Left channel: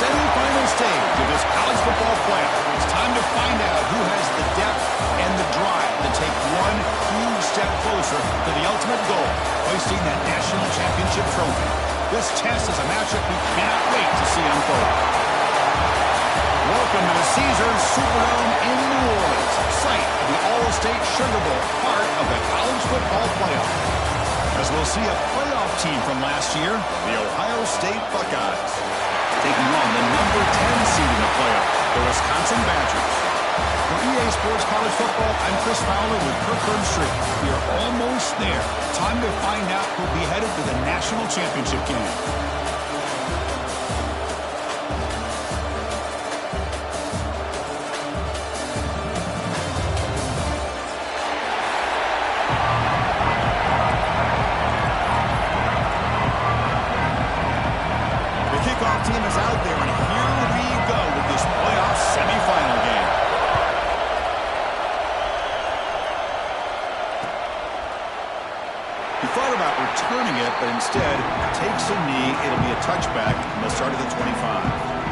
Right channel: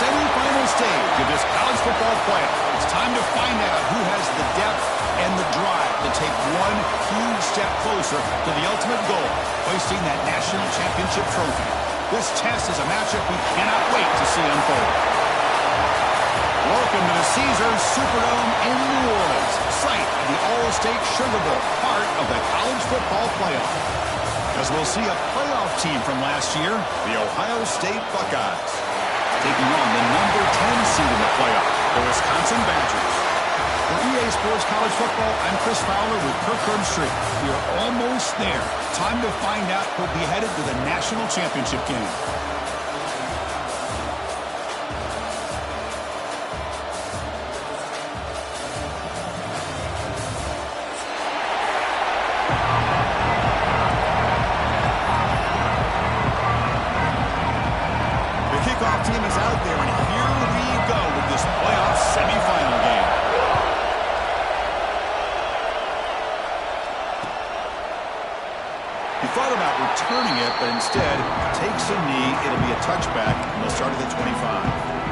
semifinal stage of this college football playoff. It's time to find out who has the depth and the drive to take one huge step closer to the ultimate goal, hoisting that national championship trophy. This test is a matchup we cannot wait to see unfold. Welcome to the Caesars Superdome in New Orleans, site of the All-State Sugar Bowl, part of the college football playoff. As we'll see a playoff team from last year, the Ohio State Buckeyes, taking on the number 10 seed in the playoff, the Wisconsin Badgers. For EA Sports College Football, I'm Chris Fowler with Kirk Herbstreit. We are almost there. Time to find out who'll be headed to the national championship game. Kickoff team is out there, and here we go with this playoff semifinal game. He thought about returning it, but instead takes a knee. It'll be a touchback, and they'll start at the 25.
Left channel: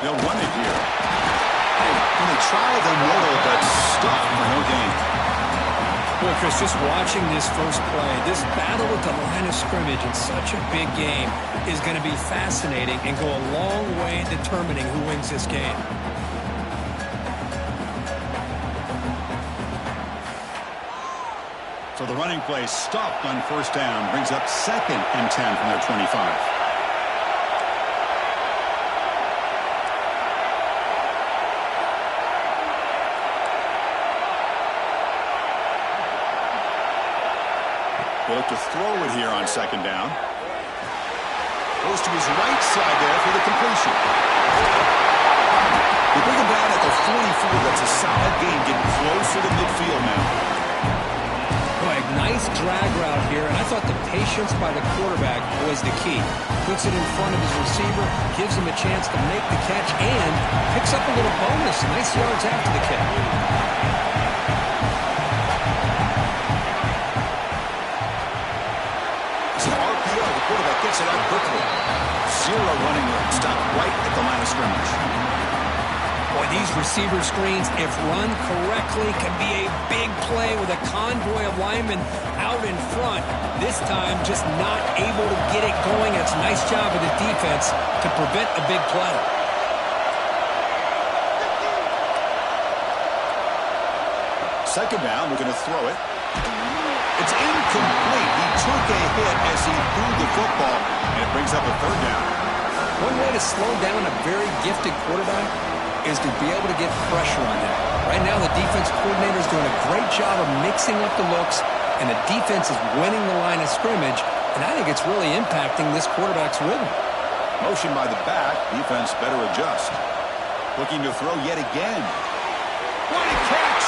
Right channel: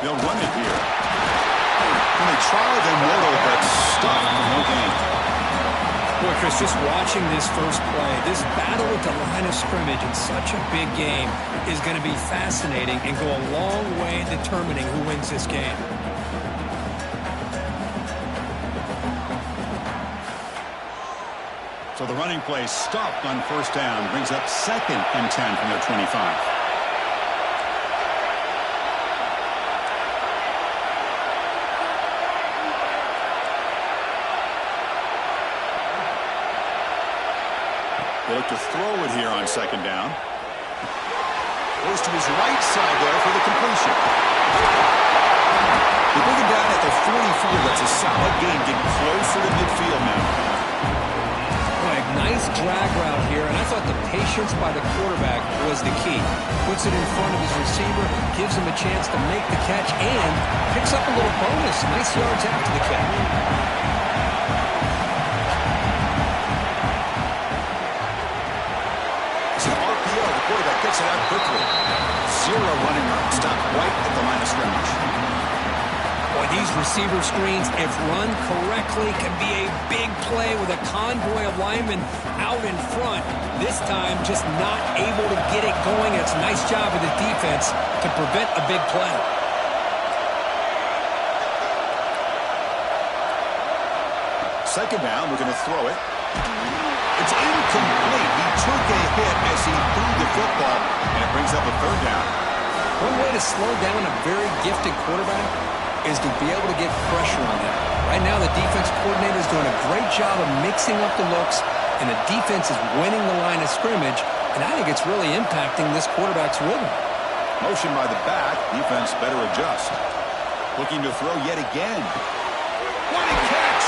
They'll run it here. And they try the middle, but stuck for no gain. Boy, Chris, just watching this first play, this battle at the line of scrimmage in such a big game is going to be fascinating and go a long way in determining who wins this game. So the running play stopped on first down, brings up 2nd and 10 from their 25. They look to throw it here on 2nd down. Goes to his right side there for the completion. They bring him down at the 44. That's a solid gain, getting closer to midfield now. Boy, nice drag route here, and I thought the patience by the quarterback was the key. Puts it in front of his receiver, gives him a chance to make the catch, and picks up a little bonus. Nice yards after the catch. The quarterback gets it out quickly. 0 running room. Stopped right at the line of scrimmage. Boy, these receiver screens, if run correctly, can be a big play with a convoy of linemen out in front. This time, just not able to get it going. It's a nice job of the defense to prevent a big play. Second down, we're going to throw it. It's incomplete. He took a hit as he threw the football, and it brings up a 3rd down. One way to slow down a very gifted quarterback is to be able to get pressure on him. Right now, the defense coordinator is doing a great job of mixing up the looks, and the defense is winning the line of scrimmage, and I think it's really impacting this quarterback's rhythm. Motion by the back. Defense better adjust. Looking to throw yet again. What a catch!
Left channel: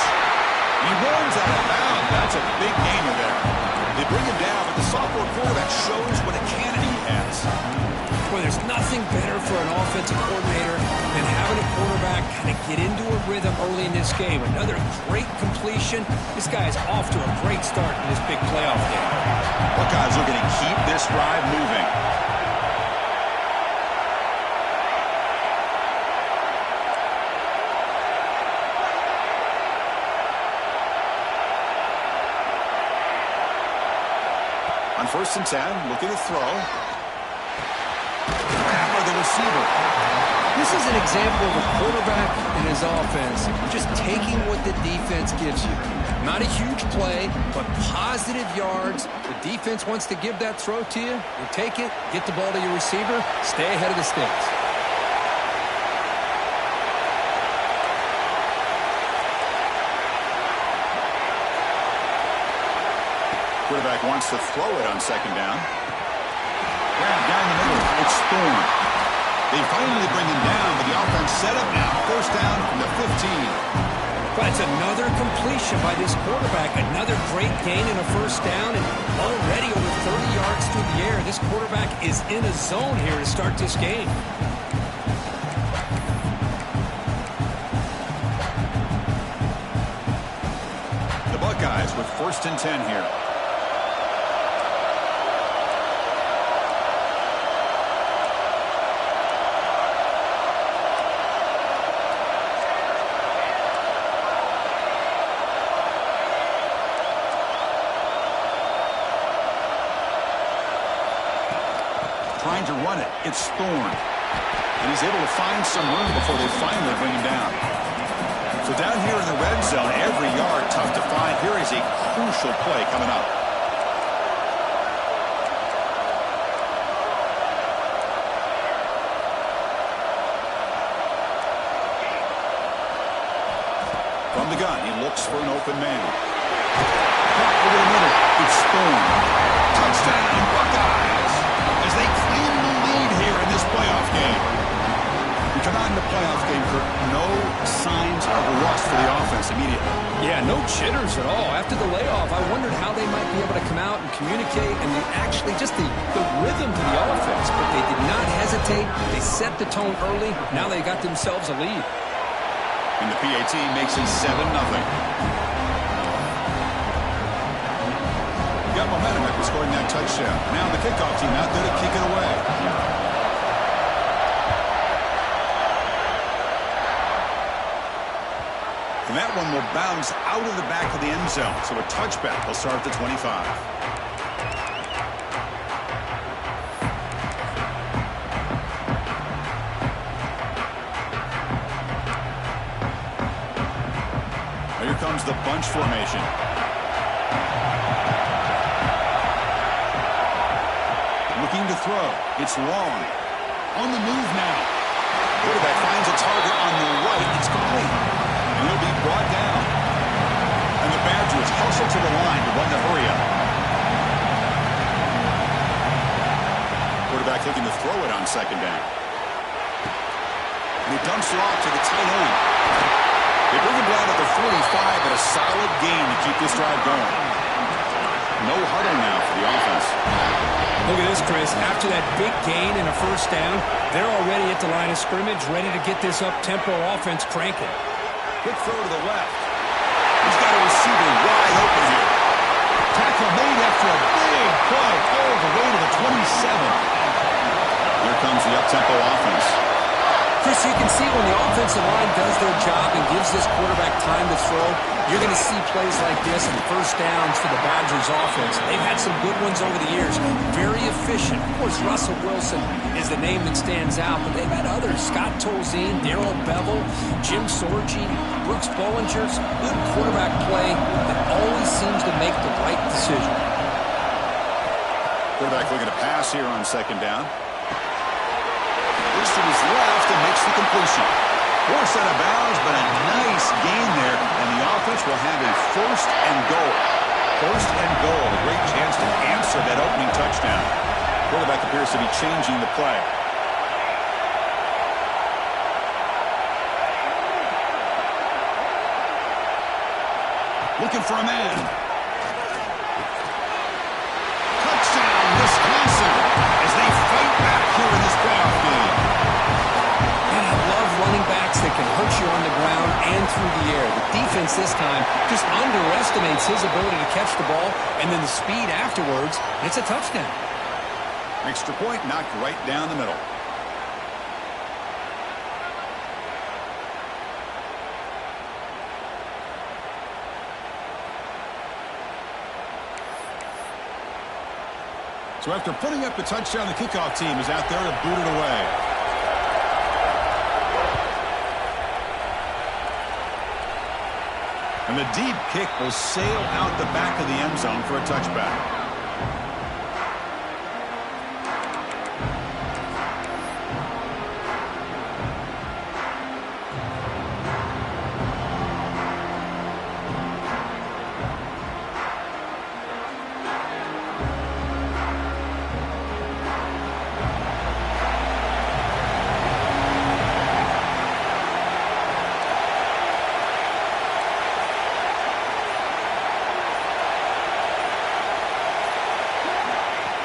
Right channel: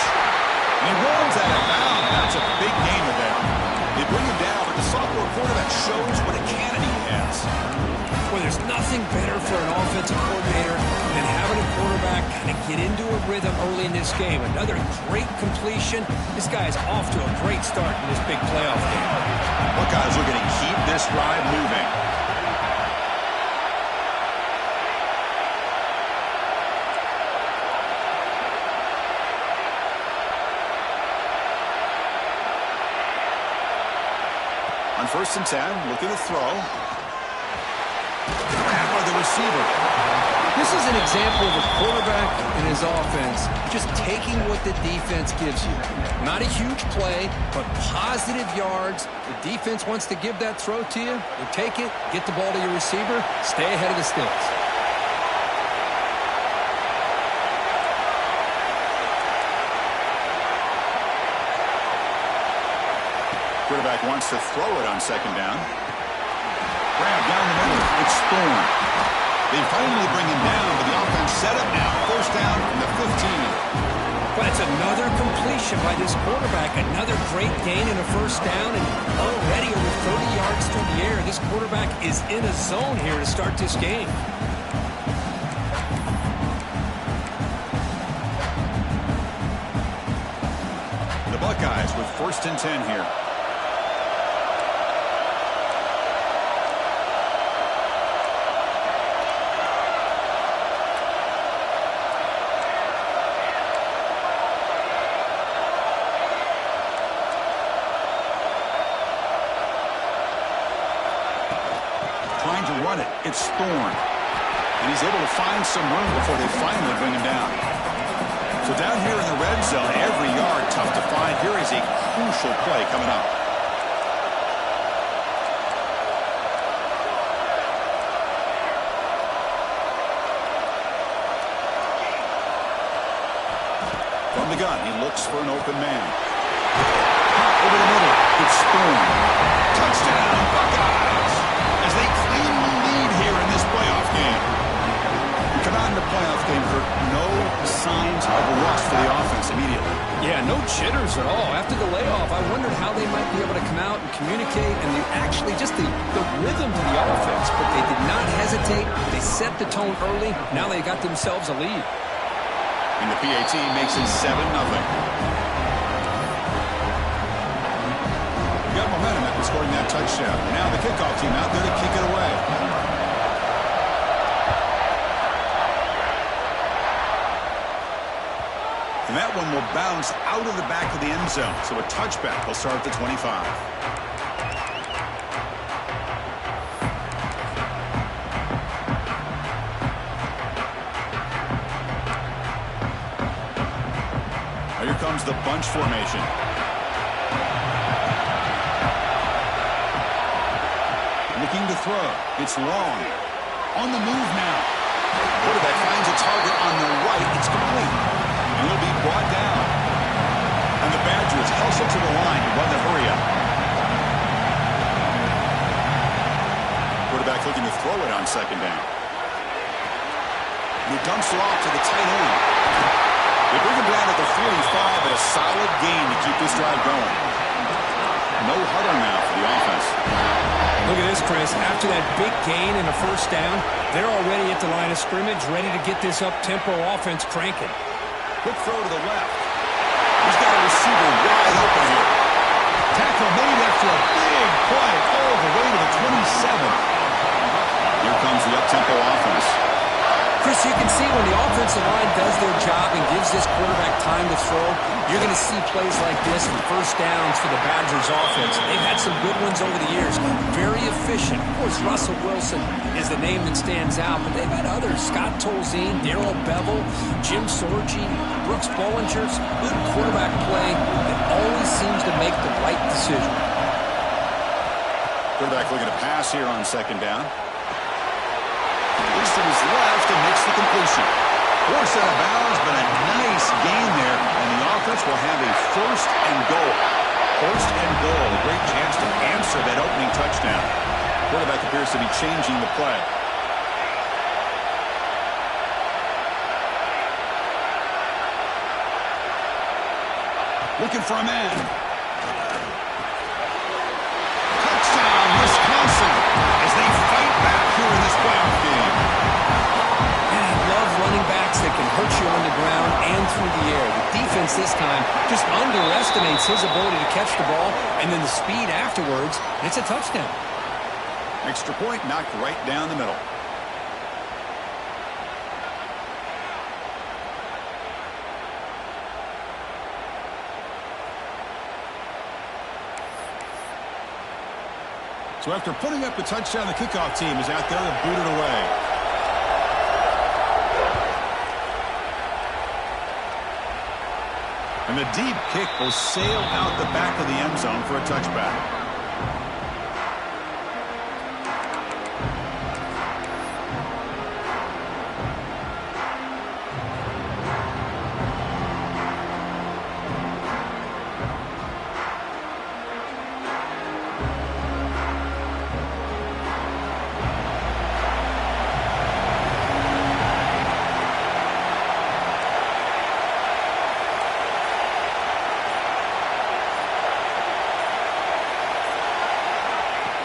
He rolls out of bounds. That's a big gainer there. They bring him down, but the sophomore quarterback shows what a cannon he has. Well, there's nothing better for an offensive coordinator than having a quarterback kind of get into a rhythm early in this game. Another great completion. This guy is off to a great start in this big playoff game. Buckeyes looking to keep this drive moving. On 1st and 10, looking to throw. Grab by the receiver. This is an example of a quarterback and his offense just taking what the defense gives you. Not a huge play, but positive yards. The defense wants to give that throw to you. You take it, get the ball to your receiver, stay ahead of the sticks. Quarterback wants to throw it on 2nd down. Grab down the middle. It's Thorne. They finally bring him down, but the offense set up now. 1st down from the 15. Well, it's another completion by this quarterback. Another great gain and a first down, and already over 30 yards through the air. This quarterback is in a zone here to start this game. The Buckeyes with 1st and 10 here. Trying to run it. It's Thorne. And he's able to find some room before they finally bring him down. So down here in the red zone, every yard tough to find. Here is a crucial play coming up. From the gun, he looks for an open man. Over the middle, it's Thorne. Touchdown, Buckeyes! As they claim the lead here in this playoff game. We come out in the playoff game, Kirk, no signs of rust for the offense immediately. Yeah, no jitters at all. After the layoff, I wondered how they might be able to come out and communicate and actually just the rhythm to the offense. But they did not hesitate. They set the tone early. Now they got themselves a lead. And the PAT makes it 7-0. Got momentum after scoring that touchdown. Now the kickoff team out there to kick it away. And that one will bounce out of the back of the end zone. So a touchback will start at the 25. Now here comes the bunch formation. Looking to throw. It's long. On the move now. Quarterback finds a target on the right. It's complete. And he'll be brought down. And the Badgers hustle to the line to run the hurry up. Quarterback looking to throw it on 2nd down. And he dumps it off to the tight end. They bring him down at the 45, but a solid gain to keep this drive going. No huddle now for the offense. Look at this, Chris. After that big gain and a first down, they're already at the line of scrimmage, ready to get this up-tempo offense cranking. Quick throw to the left. He's got a receiver wide open here. Tackle made after a big play all the way to the 27. Here comes the up-tempo offense. Chris, you can see when the offensive line does their job and gives this quarterback time to throw, you're going to see plays like this and first downs for the Badgers offense. They've had some good ones over the years. Very efficient. Of course, Russell Wilson is the name that stands out, but they've had others. Scott Tolzien, Darrell Bevel, Jim Sorgi, Brooks Bollinger's good quarterback play that always seems to make the right decision. Quarterback looking to pass here on 2nd down. Looks to his left and makes the completion. Forced out of bounds, but a nice gain there, and the offense will have a 1st and goal. 1st and goal, a great chance to answer that opening touchdown. Quarterback appears to be changing the play. Looking for a man. Touchdown, Wisconsin, as they fight back here in this playoff game. And I love running backs that can hurt you on the ground and through the air. The defense this time just underestimates his ability to catch the ball, and then the speed afterwards, and it's a touchdown. Extra point knocked right down the middle. So after putting up the touchdown, the kickoff team is out there to boot it away. And the deep kick will sail out the back of the end zone for a touchback.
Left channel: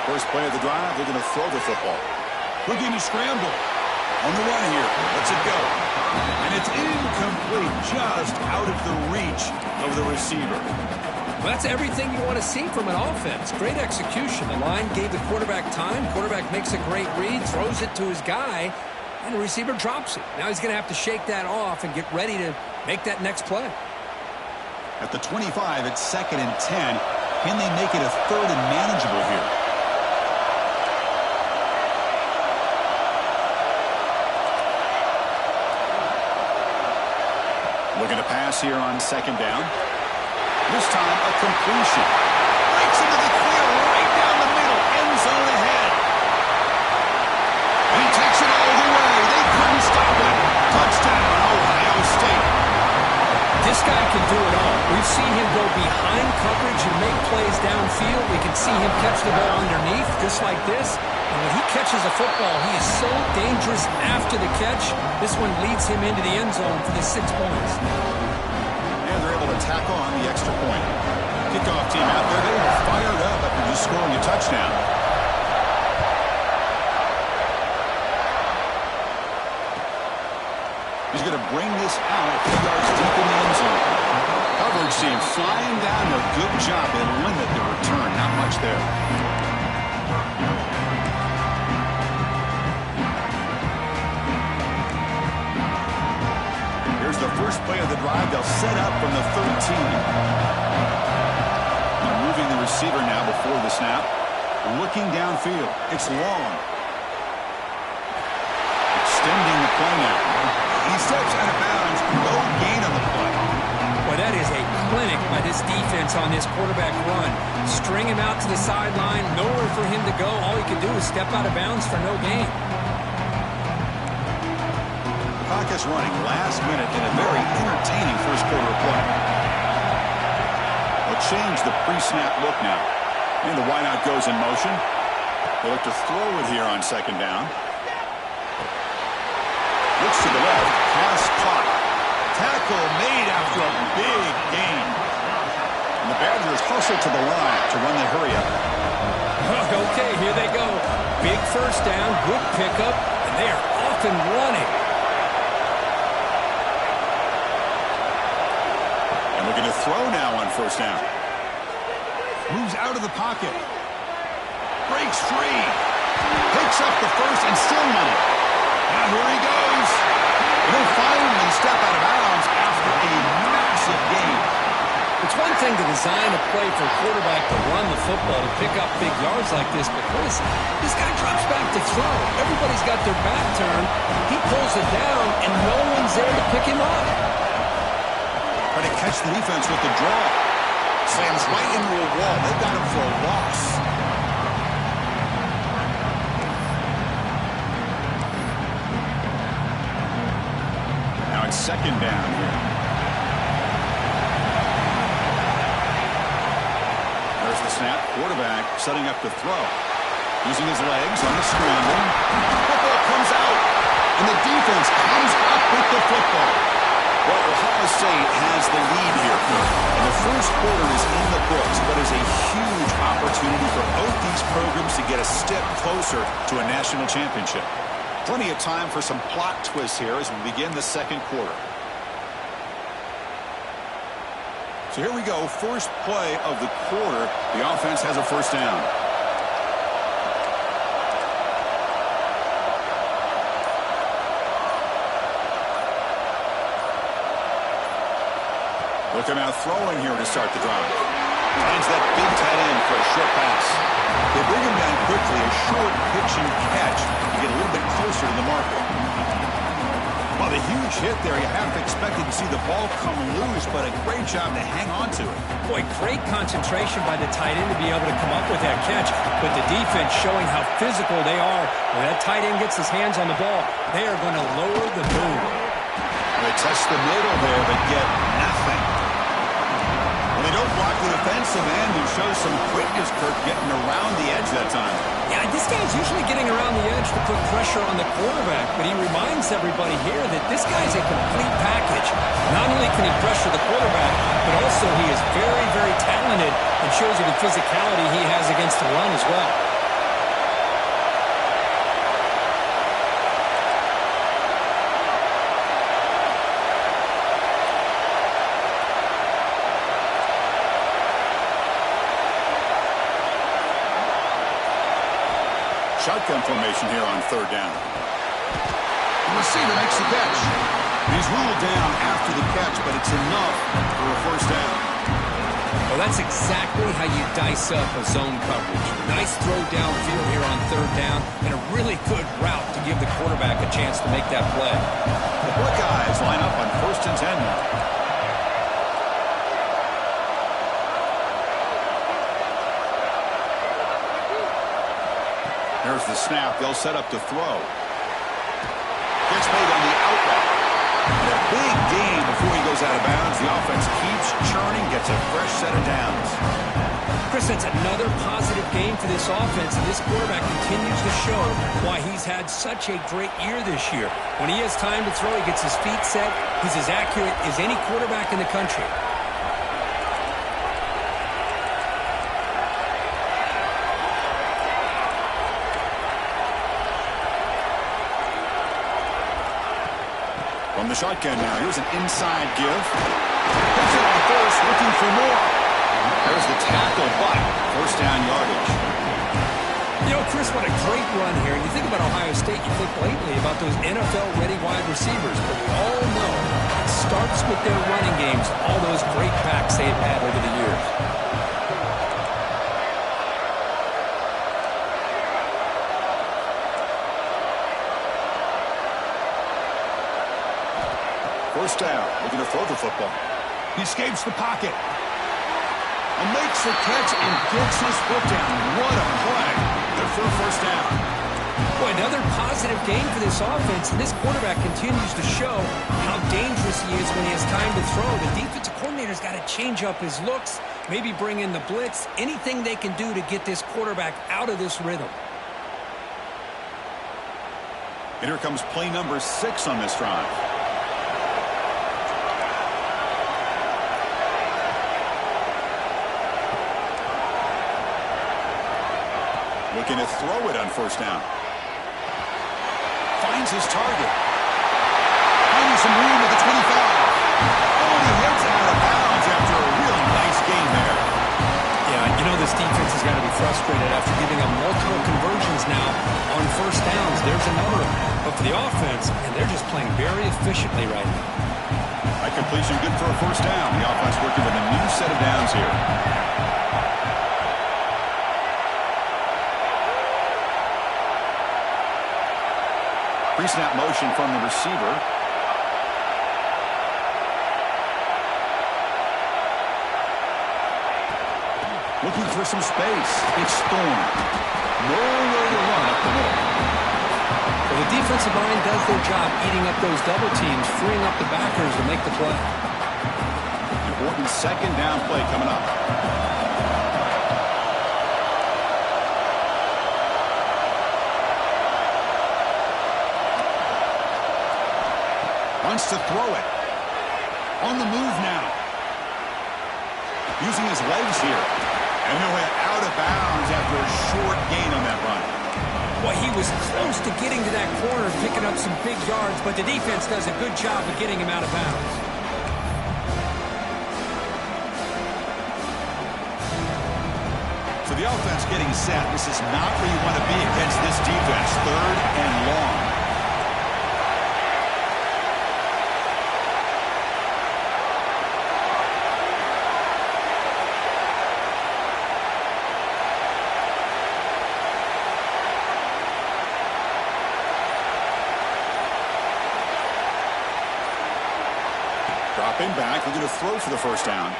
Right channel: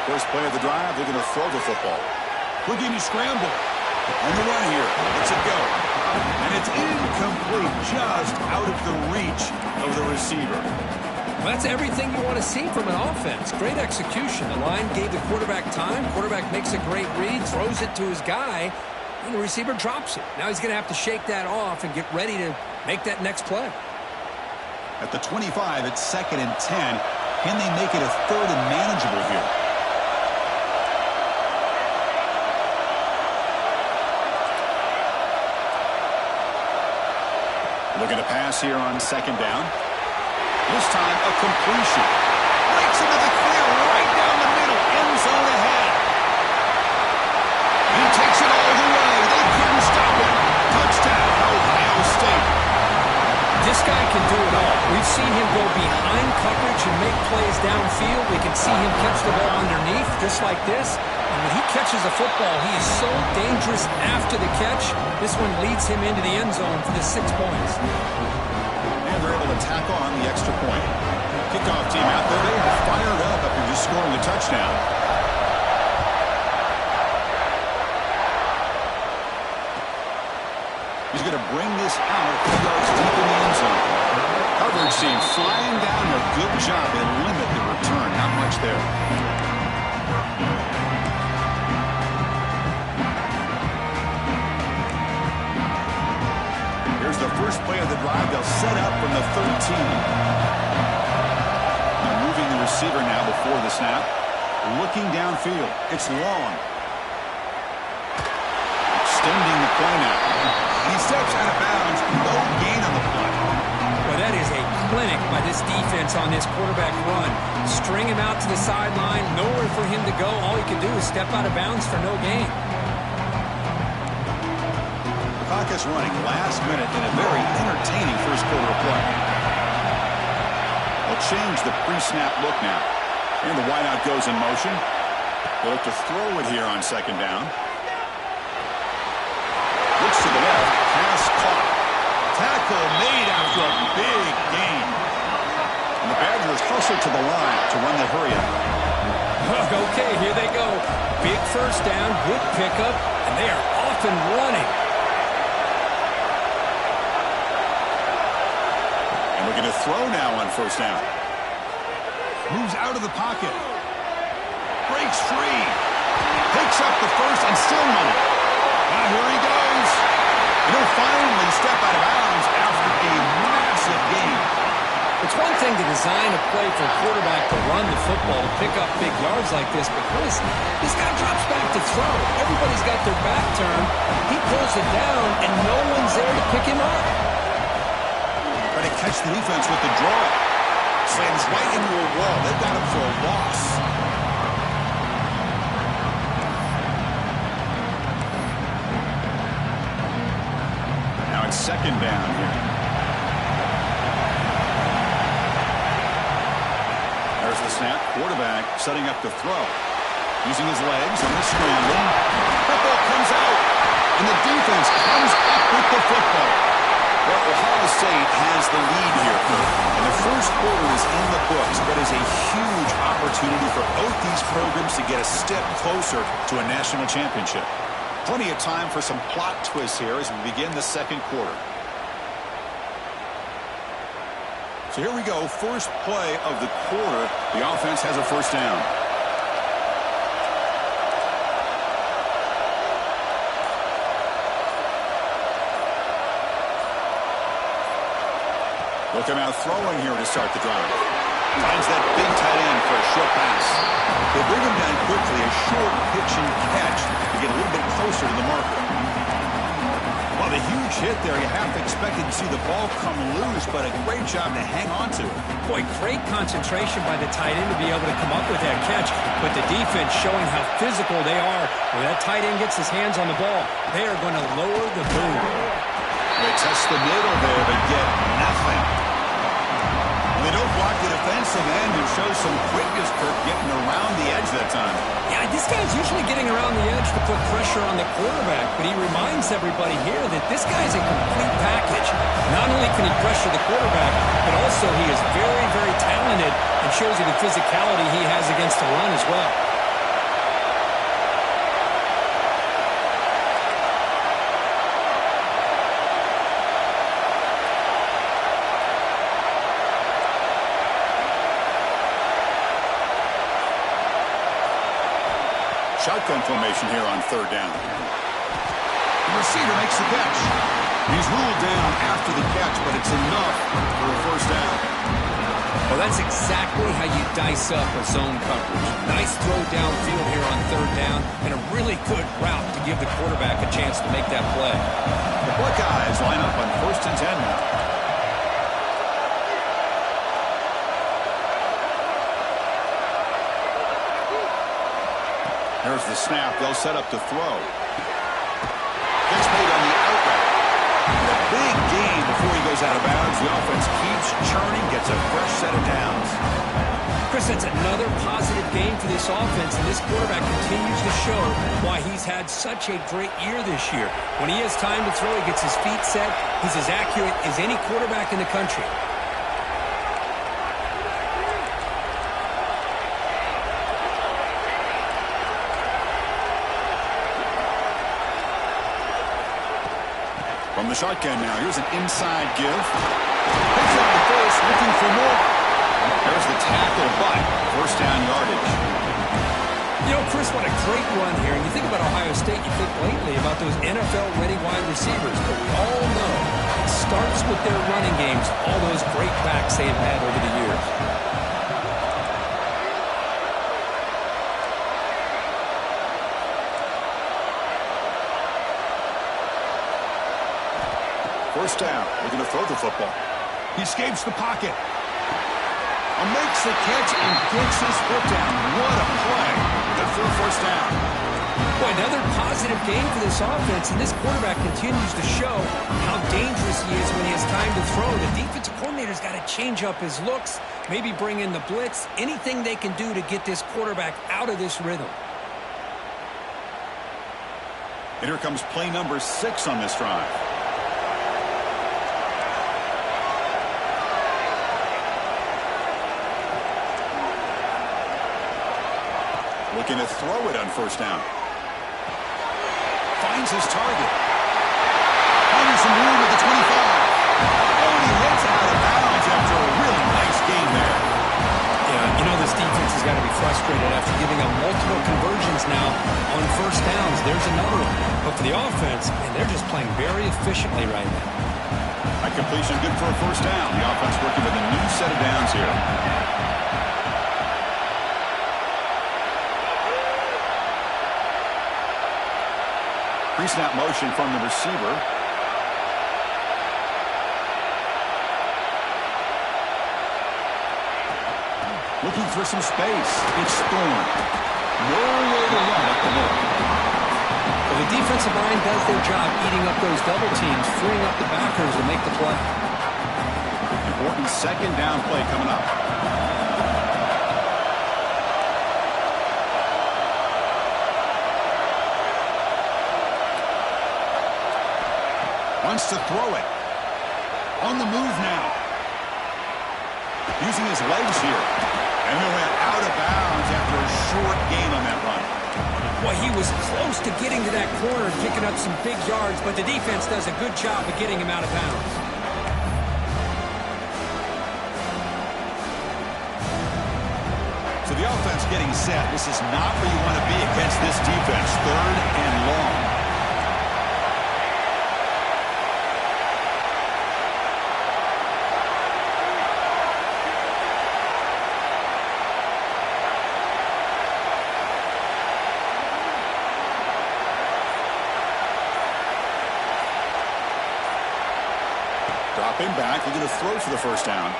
First play of the drive, they're going to throw the football. Looking to scramble. On the run here. Lets it go. And it's incomplete, just out of the reach of the receiver. Well, that's everything you want to see from an offense. Great execution. The line gave the quarterback time. Quarterback makes a great read, throws it to his guy, and the receiver drops it. Now he's going to have to shake that off and get ready to make that next play. At the 25, it's 2nd and 10. Can they make it a 3rd and manageable here? Looking to pass here on 2nd down. This time, a completion. Breaks into the clear right down the middle. End zone ahead. And he takes it all the way. They couldn't stop him. Touchdown, Ohio State. This guy can do it all. We've seen him go behind coverage and make plays downfield. We can see him catch the ball underneath, just like this. And when he catches a football, he is so dangerous after the catch. This one leads him into the end zone for the 6 points. And they're able to tack on the extra point. Kickoff team out there. They are fired up after just scoring a touchdown. He's going to bring this out a few yards deep in the end zone. Coverage team flying down there. Good job. They limit the return. Not much there. Here's the first play of the drive. They'll set up from the 13. They're moving the receiver now before the snap. Looking downfield. It's long. Extending the play now. He steps out of bounds. No gain on the play. Well, that is a clinic by this defense on this quarterback run. String him out to the sideline. Nowhere for him to go. All he can do is step out of bounds for no gain. The clock is running last minute in a very entertaining first quarter of play. They'll change the pre-snap look now. And the wideout goes in motion. They look to throw it here on 2nd down. Looks to the left. Pass caught. Tackle made after a big gain. And the Badgers hustle to the line to run the hurry up. Okay, here they go. Big first down, good pickup, and they are off and running. And looking to throw now on 1st down. Moves out of the pocket. Breaks free. Picks up the first and still money. Now here he goes. And he'll finally step out of bounds after a massive gain. It's one thing to design a play for a quarterback to run the football, to pick up big yards like this, but Chris, this guy drops back to throw. Everybody's got their back turned. He pulls it down, and no one's there to pick him up. Try to catch the defense with the draw. Slams right into a wall. They've got him for a loss. Now it's 2nd down here. There's the snap. Quarterback setting up to throw. Using his legs on the scramble. Football comes out. And the defense comes up with the football. Well, Ohio State has the lead here. And the first quarter is in the books, but is a huge opportunity for both these programs to get a step closer to a national championship. Plenty of time for some plot twists here as we begin the 2nd quarter. So here we go. First play of the quarter. The offense has a 1st down. Look him out throwing here to start the drive. Finds that big tight end for a short pass. They bring him down quickly, a short pitch and catch to get a little bit closer to the marker. Well, the huge hit there, you half expected to see the ball come loose, but a great job to hang on to it. Boy, great concentration by the tight end to be able to come up with that catch, but the defense showing how physical they are. When that tight end gets his hands on the ball, they are going to lower the boom. They test the middle there, but get nothing. They don't block the defensive end, who shows some quickness, Kirk, getting around the edge that time. Yeah, this guy's usually getting around the edge to put pressure on the quarterback, but he reminds everybody here that this guy's a complete package. Not only can he pressure the quarterback, but also he is very, very talented and shows you the physicality he has against the run as well. shotgun formation here on third down. The receiver makes the catch. He's ruled down after the catch, but it's enough for a first down. Well, that's exactly how you dice up a zone coverage. Nice throw downfield here on third down, and a really good route to give the quarterback a chance to make that play. The Buckeyes line up on 1st and 10 now. There's the snap. They'll set up to throw. Gets made on the out route. And a big gain before he goes out of bounds. The offense keeps churning, gets a fresh set of downs. Chris, that's another positive game for this offense, and this quarterback continues to show why he's had such a great year this year. When he has time to throw, he gets his feet set. He's as accurate as any quarterback in the country. From the shotgun now, here's an inside give. Picks up the first, looking for more. There's the tackle, but first down yardage. You know, Chris, what a great run here. And you think about Ohio State, you think lately about those NFL-ready wide receivers. But we all know it starts with their running games, all those great backs they've had over the years. First down, looking to throw the football. He escapes the pocket. Makes the catch and gets his foot down. What a play. Good for a first down. Boy, another positive game for this offense, and this quarterback continues to show how dangerous he is when he has time to throw. The defensive coordinator's got to change up his looks, maybe bring in the blitz, anything they can do to get this quarterback out of this rhythm. And here comes play number 6 on this drive. Looking to throw it on first down. Finds his target. Finding some room at the 25. Oh, and he heads out of bounds after a really nice game there. Yeah, you know this defense has got to be frustrated after giving up multiple conversions now on first downs. There's another one. But for the offense, man, they're just playing very efficiently right now. That completion good for a first down. The offense working with a new set of downs here. Pre-snap motion from the receiver. Looking for some space. It's Thorne. Nowhere to run up the middle. Well, the defensive line does their job eating up those double teams, freeing up the backers to make the play. Important second down play coming up. Wants to throw it. On the move now. Using his legs here. And he'll head out of bounds after a short gain on that run. Boy, he was close to getting to that corner and picking up some big yards, but the defense does a good job of getting him out of bounds. So the offense getting set. This is not where you want to be against this defense. 3rd and long. Dropping back, looking to throw for the first down.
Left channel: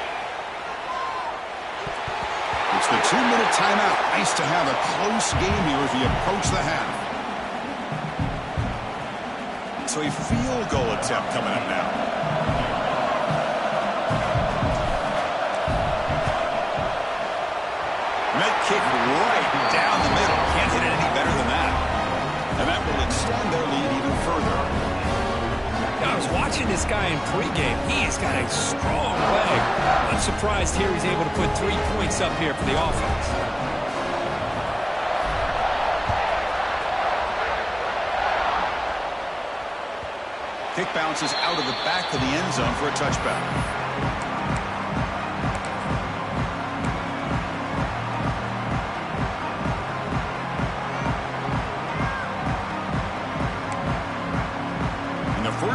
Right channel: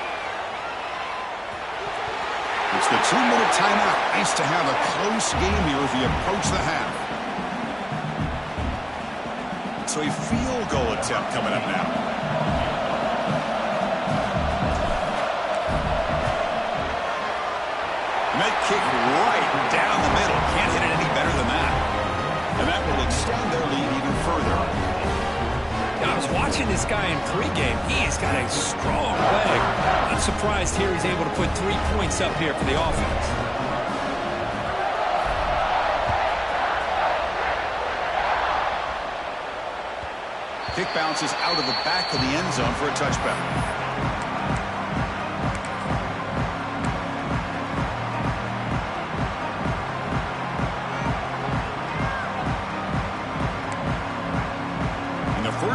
It's the 2-minute timeout. Nice to have a close game here as we approach the half. So a field goal attempt coming up now. And that kick right down the middle. Can't hit it any better than that. And that will extend their lead even further. I was watching this guy in pregame. He's got a strong leg. I'm surprised here he's able to put 3 points up here for the offense. Kick bounces out of the back of the end zone for a touchback.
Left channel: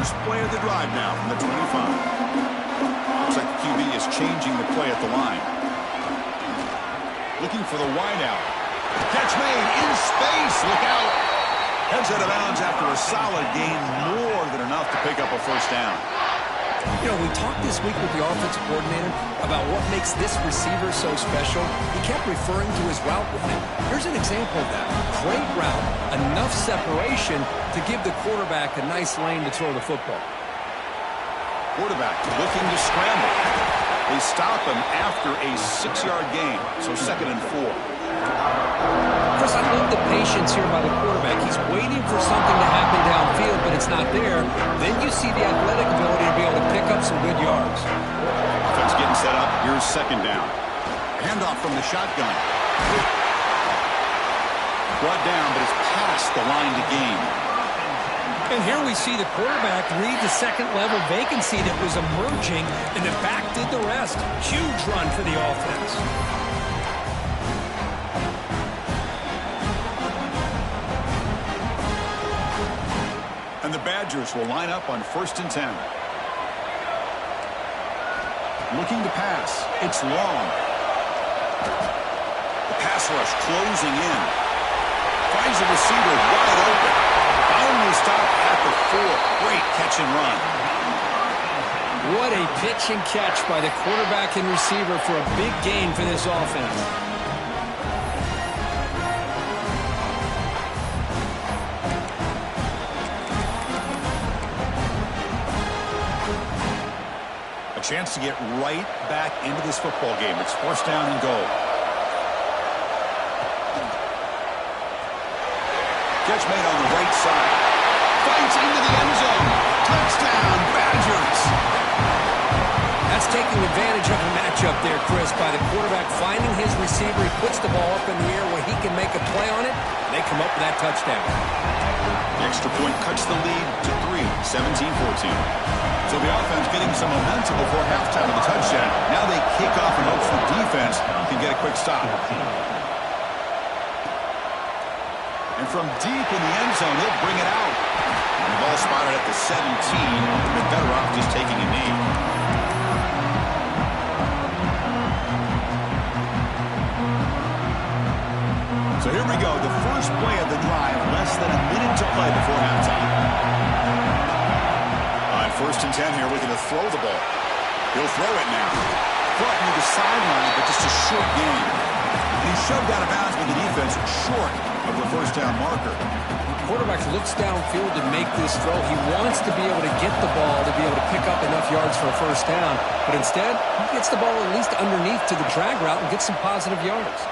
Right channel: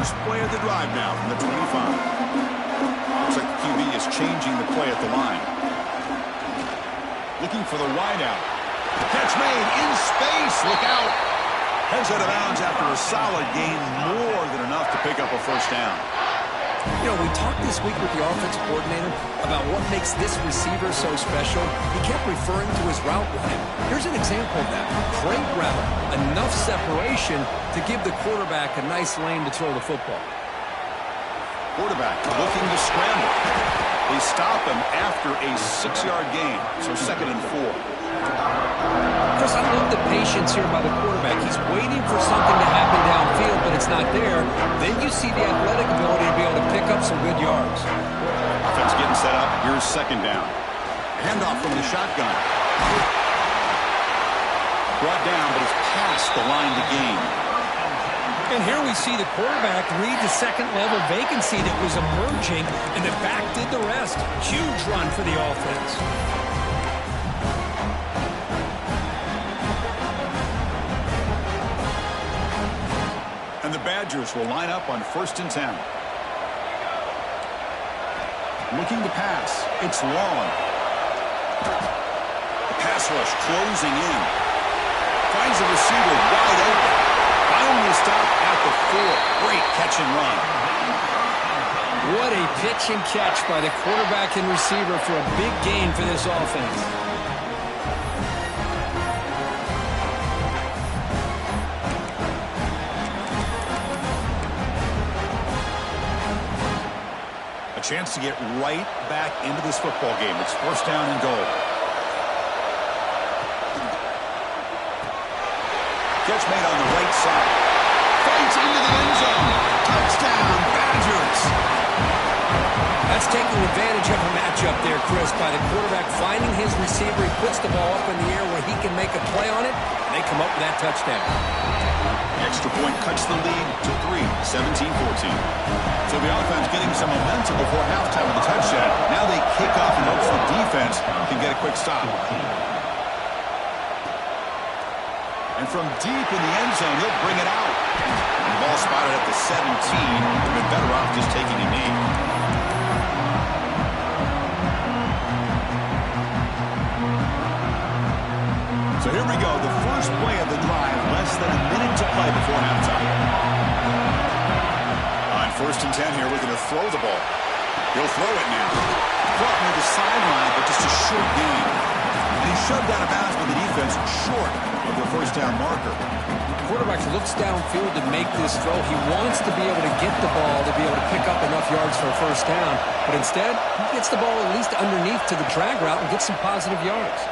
First play of the drive now from the 25. Looks like the QB is changing the play at the line. Looking for the wideout. Catch made in space. Look out. Heads out of bounds after a solid gain, more than enough to pick up a first down. You know, we talked this week with the offensive coordinator about what makes this receiver so special. He kept referring to his route running. Here's an example of that. Great route, enough separation to give the quarterback a nice lane to throw the football. Quarterback looking to scramble. They stop him after a 6-yard gain, so 2nd and 4. Chris, I love the patience here by the quarterback. He's waiting for something to happen downfield, but it's not there. Then you see the athletic ability to be able to pick up some good yards. Offense getting set up. Here's 2nd down. Handoff from the shotgun. Brought down, but it's past the line to gain. And here we see the quarterback read the second-level vacancy that was emerging, and the back did the rest. Huge run for the offense. And the Badgers will line up on 1st and 10. Looking to pass. It's long. The pass rush closing in. Finds the receiver wide open. Finally stopped at the 4. Great catch and run. What a pitch and catch by the quarterback and receiver for a big gain for this offense. A chance to get right back into this football game. It's 1st down and goal. Catch made on the right side. Fights into the end zone. Touchdown, Badgers. That's taking advantage of a matchup there, Chris, by the quarterback finding his receiver. He puts the ball up in the air where he can make a play on it. They come up with that touchdown. The extra point cuts the lead to 3, 17-14. So the offense getting some momentum before halftime with the touchdown. Now they kick off in hopes the defense can get a quick stop. And from deep in the end zone, he'll bring it out. And the ball spotted at the 17. They've been better off just taking a knee. So here we go. The first play of the drive. Less than a minute to play before halftime. On 1st and 10 here, looking to throw the ball. He'll throw it now. Caught near the sideline, but just a short gain. And he shoved out of bounds by the defense short of the first down marker. The quarterback looks downfield to make this throw. He wants to be able to get the ball to be able to pick up enough yards for a first down. But instead, he gets the ball at least underneath to the drag route and gets some positive yards.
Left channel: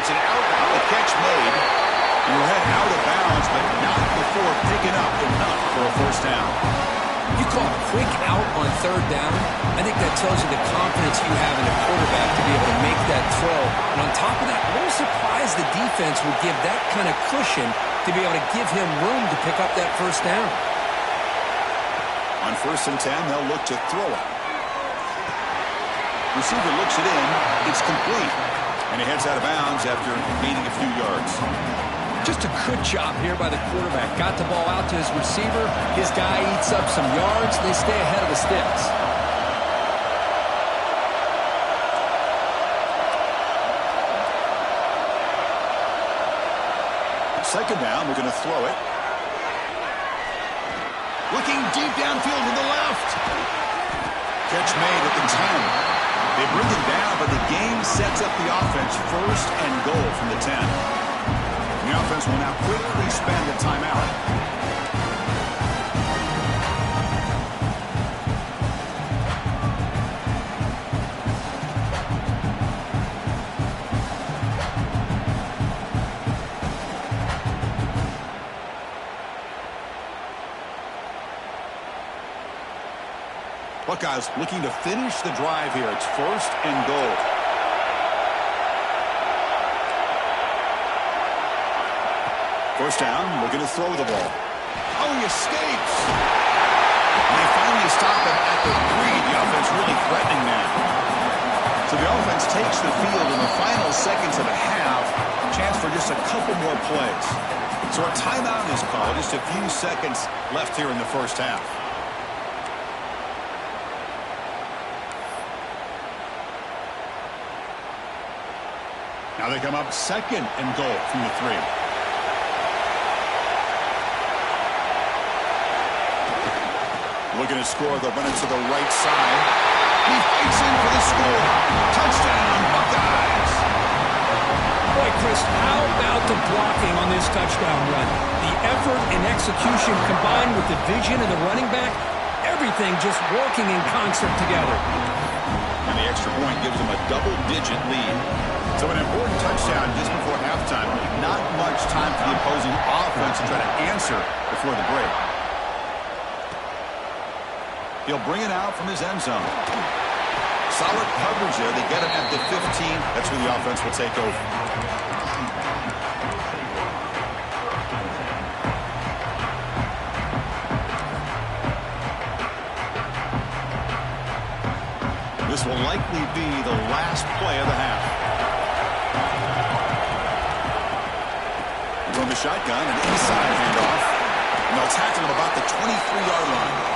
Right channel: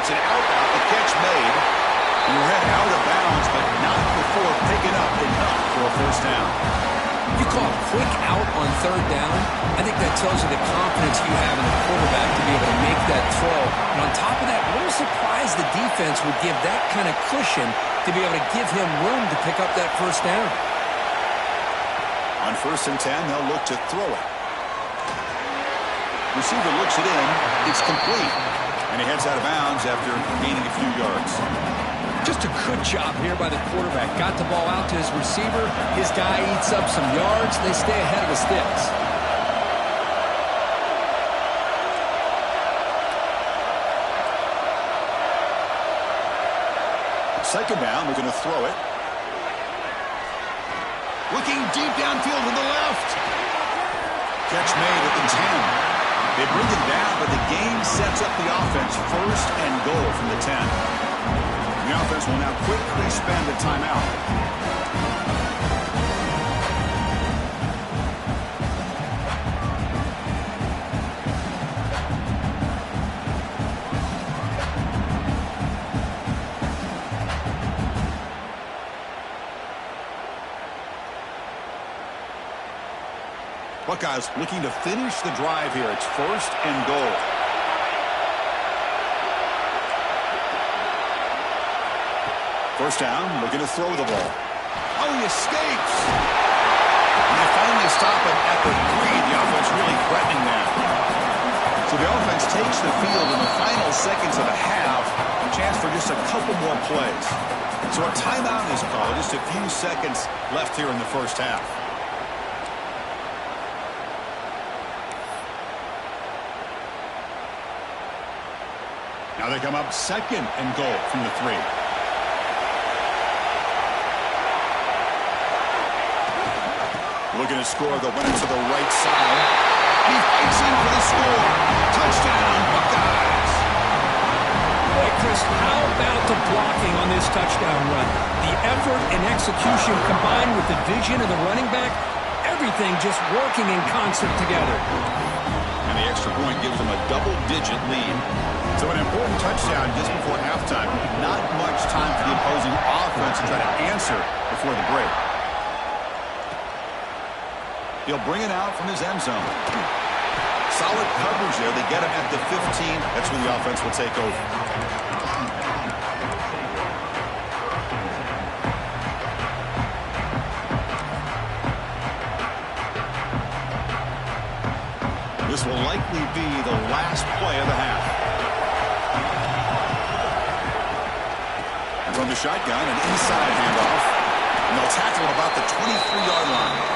It's an out route, the catch made. You head out of bounds, but not before picking up enough for a first down. You call a quick out on 3rd down, I think that tells you the confidence you have in a quarterback to be able to make that throw. And on top of that, a little surprised the defense would give that kind of cushion to be able to give him room to pick up that first down. On 1st and 10, they'll look to throw it. Receiver looks it in. It's complete. And he heads out of bounds after gaining a few yards. Just a good job here by the quarterback. Got the ball out to his receiver. His guy eats up some yards. They stay ahead of the sticks. Second down, we're going to throw it. Looking deep downfield to the left. Catch made at the 10. They bring him down, but the game sets up the offense 1st and goal from the 10. The offense will now quickly spend a timeout. Buckeyes looking to finish the drive here. It's 1st and goal. First down, looking to throw the ball. Oh, he escapes. And they finally stop him at the 3. The offense really threatening that. So the offense takes the field in the final seconds of the half. Chance for just a couple more plays. So a timeout is called. Just a few seconds left here in the first half. Now they come up second and goal from the 3. Looking to score, the winner to the right side. He fights in for the score. Touchdown, Buckeyes. Boy, Chris, how about the blocking on this touchdown run? The effort and execution combined with the vision of the running back, everything just working in concert together. And the extra point gives them a double-digit lead. So an important touchdown just before halftime. Not much time for the opposing offense to try to answer before the break. He'll bring it out from his end zone. Solid coverage there. They get him at the 15. That's where the offense will take over. This will likely be the last play of the half. And from the shotgun, an inside handoff. And they'll tackle him about the 23-yard line.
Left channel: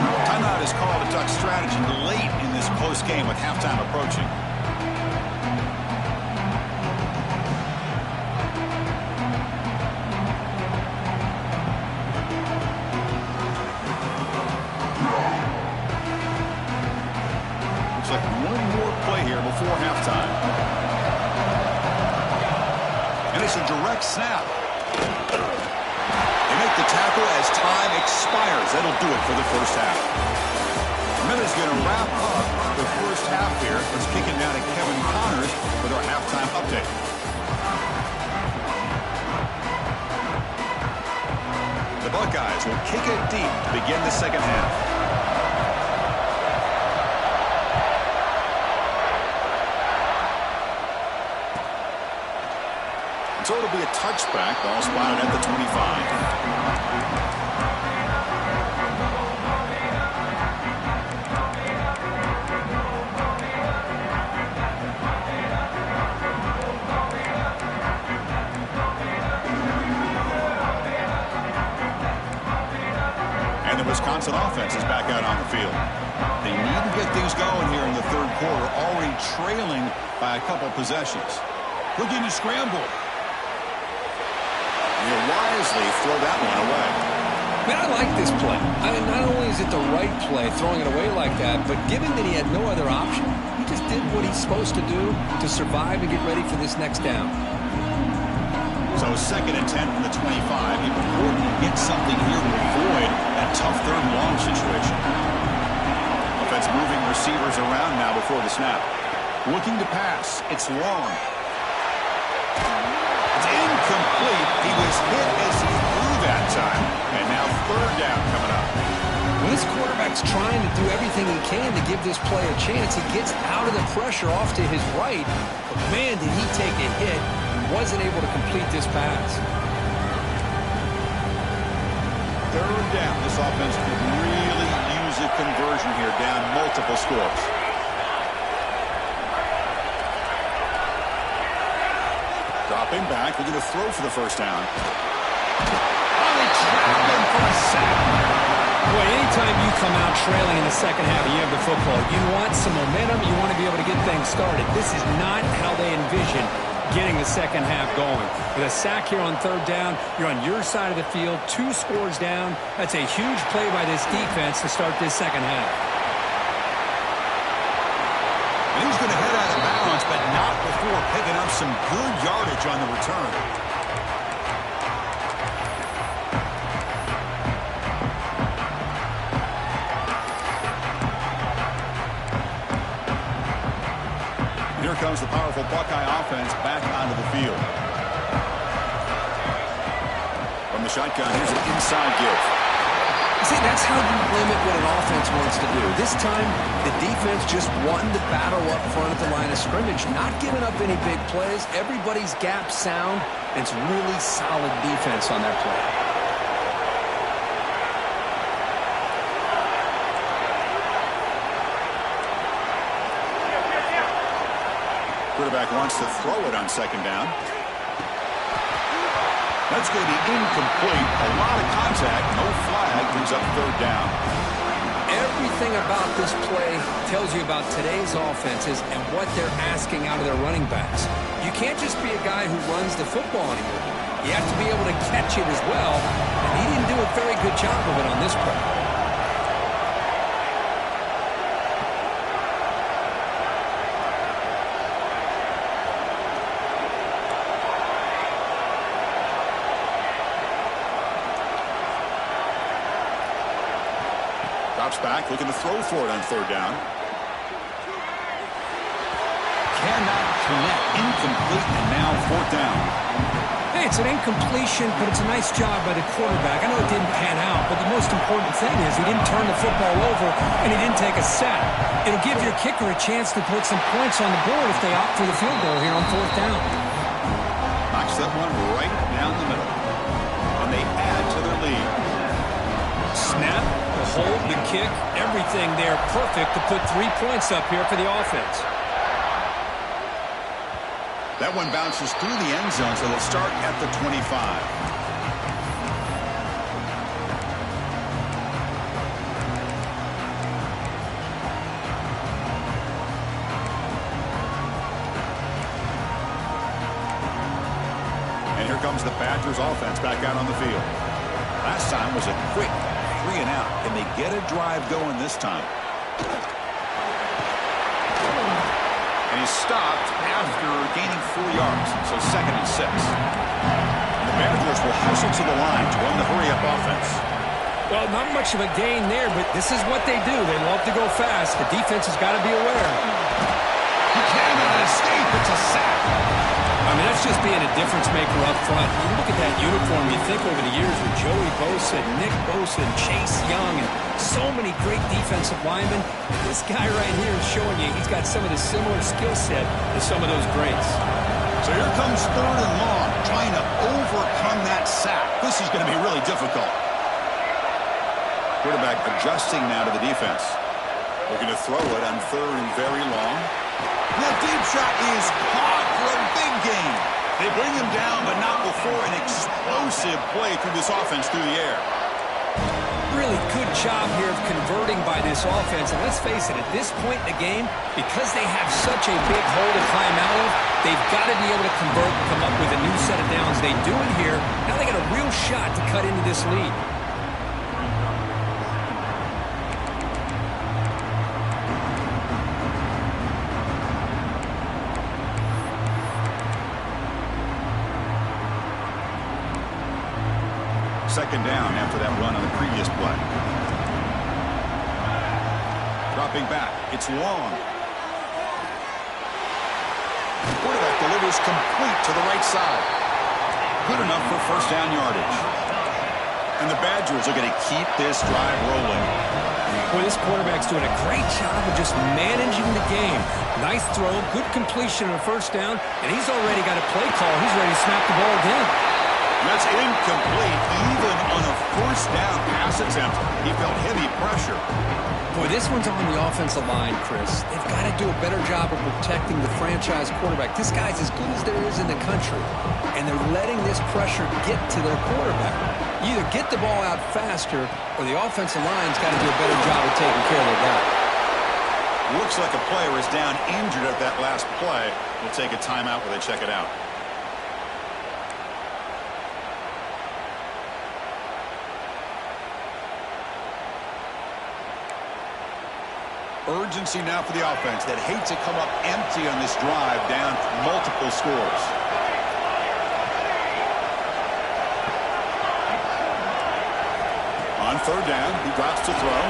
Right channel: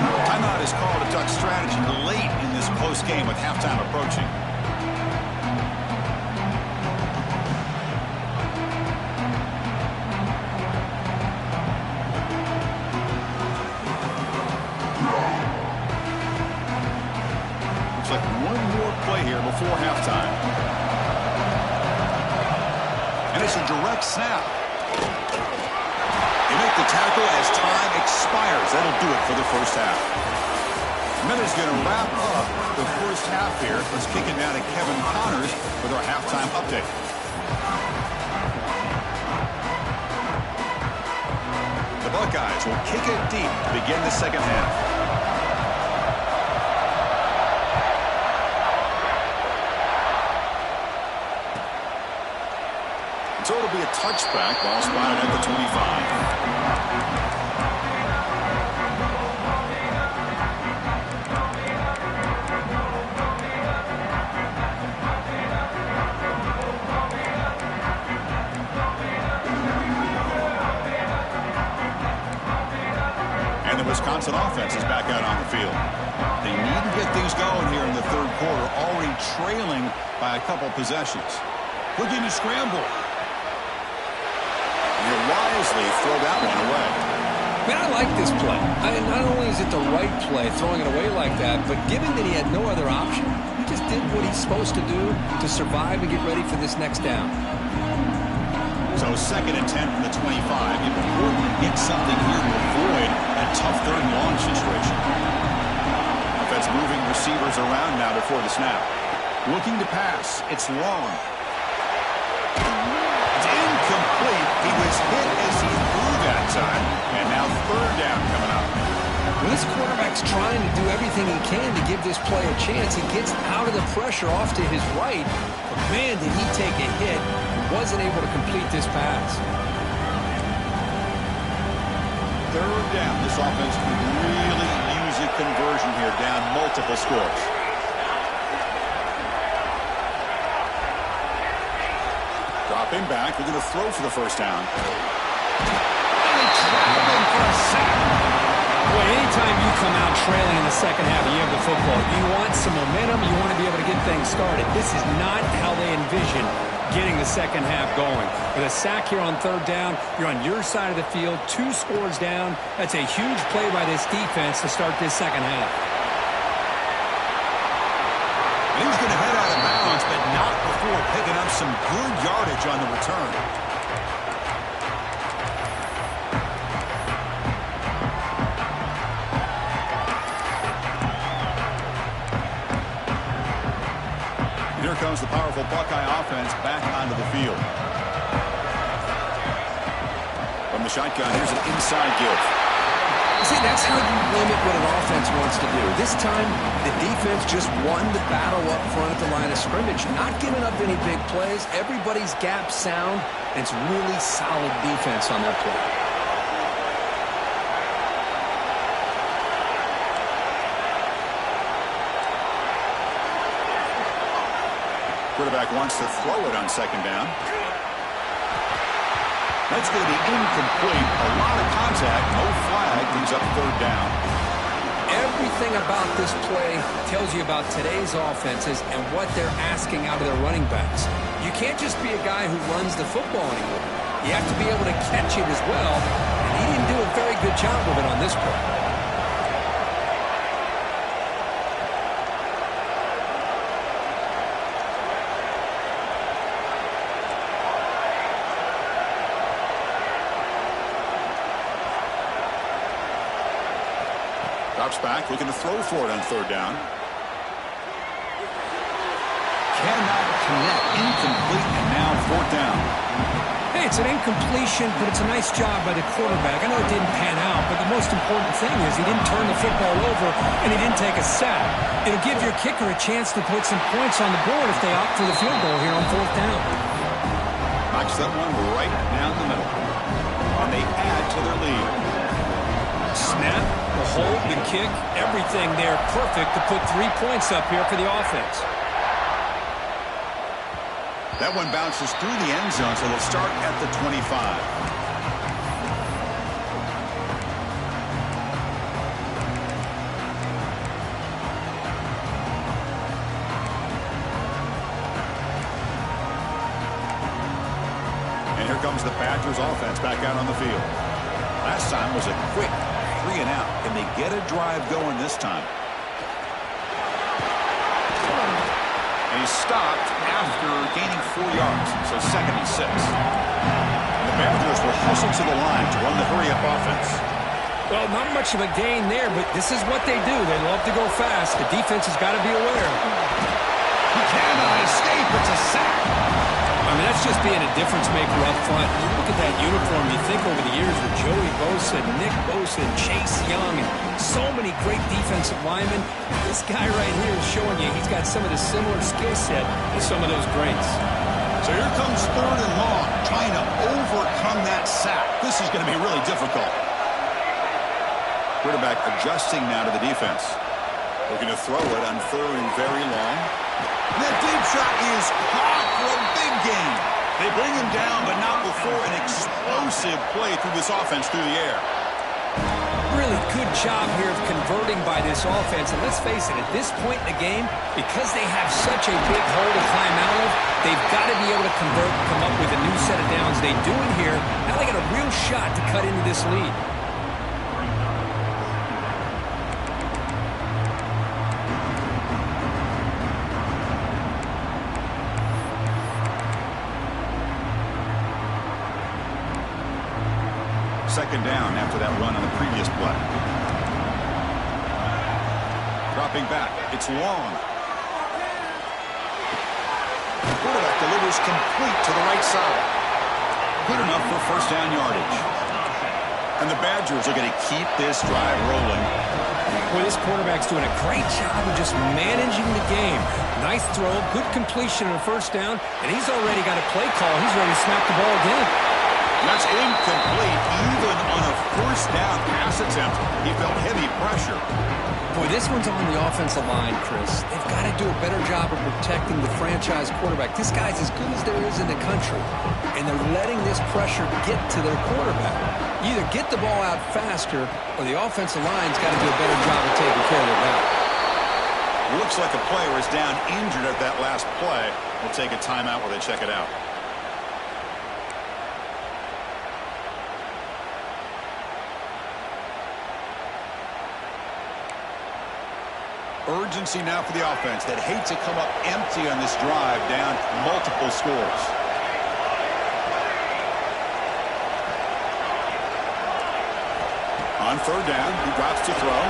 Timeout is called a duck strategy late in this close game with halftime approaching. Looks like one more play here before halftime. And it's a direct snap. They make the tackle as time expires. That'll do it for the first half. Minute's going to wrap up the first half here. Let's kick it down to Kevin Connors with our halftime update. The Buckeyes will kick it deep to begin the second half. So it'll be a touchback. Ball spotted at the 25. And the Wisconsin offense is back out on the field. They need to get things going here in the third quarter, already trailing by a couple possessions. Looking to scramble. You wisely throw that one away. Man, I like this play. Not only is it the right play, throwing it away like that, but given that he had no other option, he just did what he's supposed to do to survive and get ready for this next down. So 2nd and 10 from the 25. Important to get something here to avoid that tough third and long situation. Offense moving receivers around now before the snap. Looking to pass. It's long. Incomplete. He was hit as he threw that time. And now third down coming up. Well, this quarterback's trying to do everything he can to give this play a chance. He gets out of the pressure off to his right. But, man, did he take a hit and wasn't able to complete this pass. Third down. This offense could really use a conversion here, down multiple scores. Dropping back, looking to throw for the first down. Oh, they trap him for a sack. Boy, anytime you come out trailing in the second half and you have the football, you want some momentum, you want to be able to get things started. This is not how they envision getting the second half going. With a sack here on third down, you're on your side of the field, 2 scores down. That's a huge play by this defense to start this second half. And he's going to head out of bounds, but not before picking up some good yardage on the return. And here comes the powerful Buckeye offense back onto the field. From the shotgun, here's an inside give. See, that's how you limit what an offense wants to do. This time, the defense just won the battle up front at the line of scrimmage, not giving up any big plays. Everybody's gap sound. It's really solid defense on that play. Quarterback wants to throw it on second down. That's going to be incomplete. A lot of contact. No flag. Brings up third down. Everything about this play tells you about today's offenses and what they're asking out of their running backs. You can't just be a guy who runs the football anymore. You have to be able to catch it as well, and he didn't do a very good job of it on this play. Drops back, looking to throw for it on third down. Cannot connect. Incomplete, and now fourth down. Hey, it's an incompletion, but it's a nice job by the quarterback. I know it didn't pan out, but the most important thing is he didn't turn the football over, and he didn't take a sack. It'll give your kicker a chance to put some points on the board if they opt for the field goal here on fourth down. Knocks that one right down the middle. And they add to their lead. Snap, the hold, the kick, everything there perfect to put 3 points up here for the offense. That one bounces through the end zone, so they'll start at the 25. And here comes the Badgers offense back out on the field. Last time was a quick 3 and out. Can they get a drive going this time? And he's stopped after gaining 4 yards, so 2nd and 6. And the Badgers will hustle to the line to run the hurry-up offense. Well, not much of a gain there, but this is what they do. They love to go fast. The defense has got to be aware. He cannot escape. It's a sack. I mean, that's just being a difference maker up front. You look at that uniform, you think over the years with Joey Bosa, Nick Bosa, and Chase Young, and so many great defensive linemen. This guy right here is showing you he's got some of the similar skill set as some of those greats. So here comes third and long, trying to overcome that sack. This is going to be really difficult. Quarterback adjusting now to the defense. Looking to throw it on third and very long. And that deep shot is caught for a big gain. They bring him down, but not before an explosive play through this offense through the air. Really good job here of converting by this offense. And let's face it, at this point in the game, because they have such a big hole to climb out of, they've got to be able to convert and come up with a new set of downs. They do it here. Now they got a real shot to cut into this lead. Second down after that run on the previous play. Dropping back. It's long. The quarterback delivers complete to the right side. Good enough for first down yardage. And the Badgers are going to keep this drive rolling. Boy, this quarterback's doing a great job of just managing the game. Nice throw, good completion on the first down, and he's already got a play call. He's ready to snap the ball again. That's incomplete, even on a first down pass attempt. He felt heavy pressure. Boy, this one's on the offensive line, Chris. They've got to do a better job of protecting the franchise quarterback. This guy's as good as there is in the country, and they're letting this pressure get to their quarterback. You either get the ball out faster, or the offensive line's got to do a better job of taking care of their guy. Looks like a player is down injured at that last play. We'll take a timeout while they check it out. Urgency now for the offense that hate to come up empty on this drive, down multiple scores. On third down, he drops to throw.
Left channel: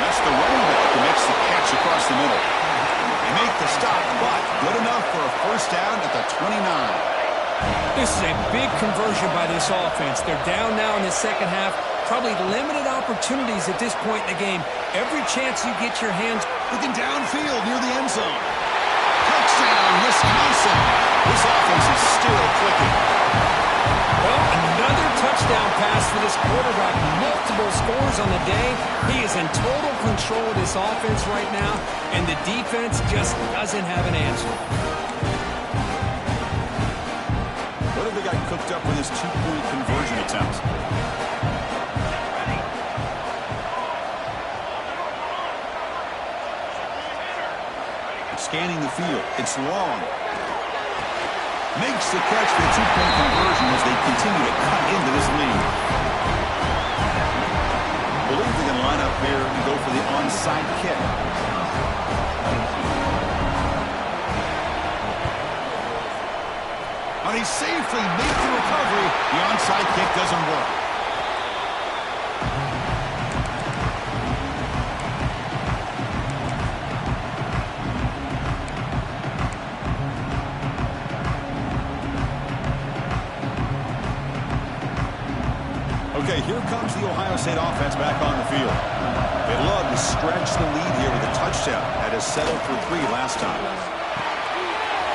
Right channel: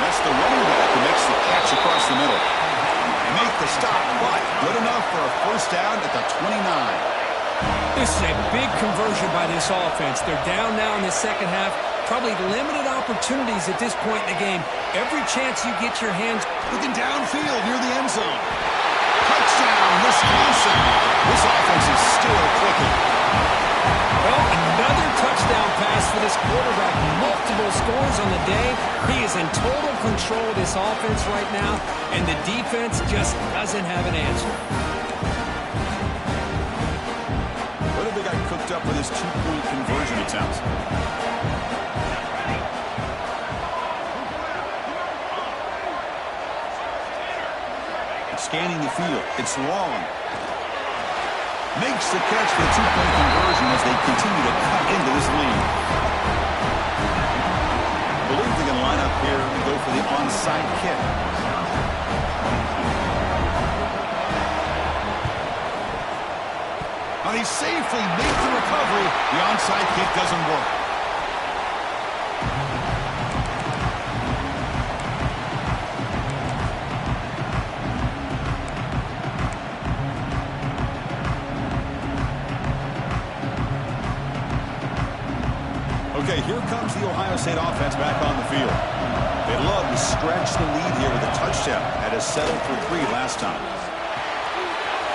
That's the running back who makes the catch across the middle. They make the stop, but good enough for a first down at the 29. This is a big conversion by this offense. They're down now in the second half. Probably limited opportunities at this point in the game. Every chance you get your hands. Looking downfield near the end zone. Touchdown, Wisconsin. This offense is still clicking. Well, another touchdown pass for this quarterback. Multiple scores on the day. He is in total control of this offense right now, and the defense just doesn't have an answer. What have they got cooked up with this two-point conversion attempt? Scanning the field. It's long. Makes the catch for the two-point conversion as they continue to cut into this lead. Believe they can line up here and go for the onside kick. Now he safely makes the recovery. The onside kick doesn't work. Okay, here comes the Ohio State offense back on the field. They love to stretch the lead here with a touchdown. That has settled for 3 last time.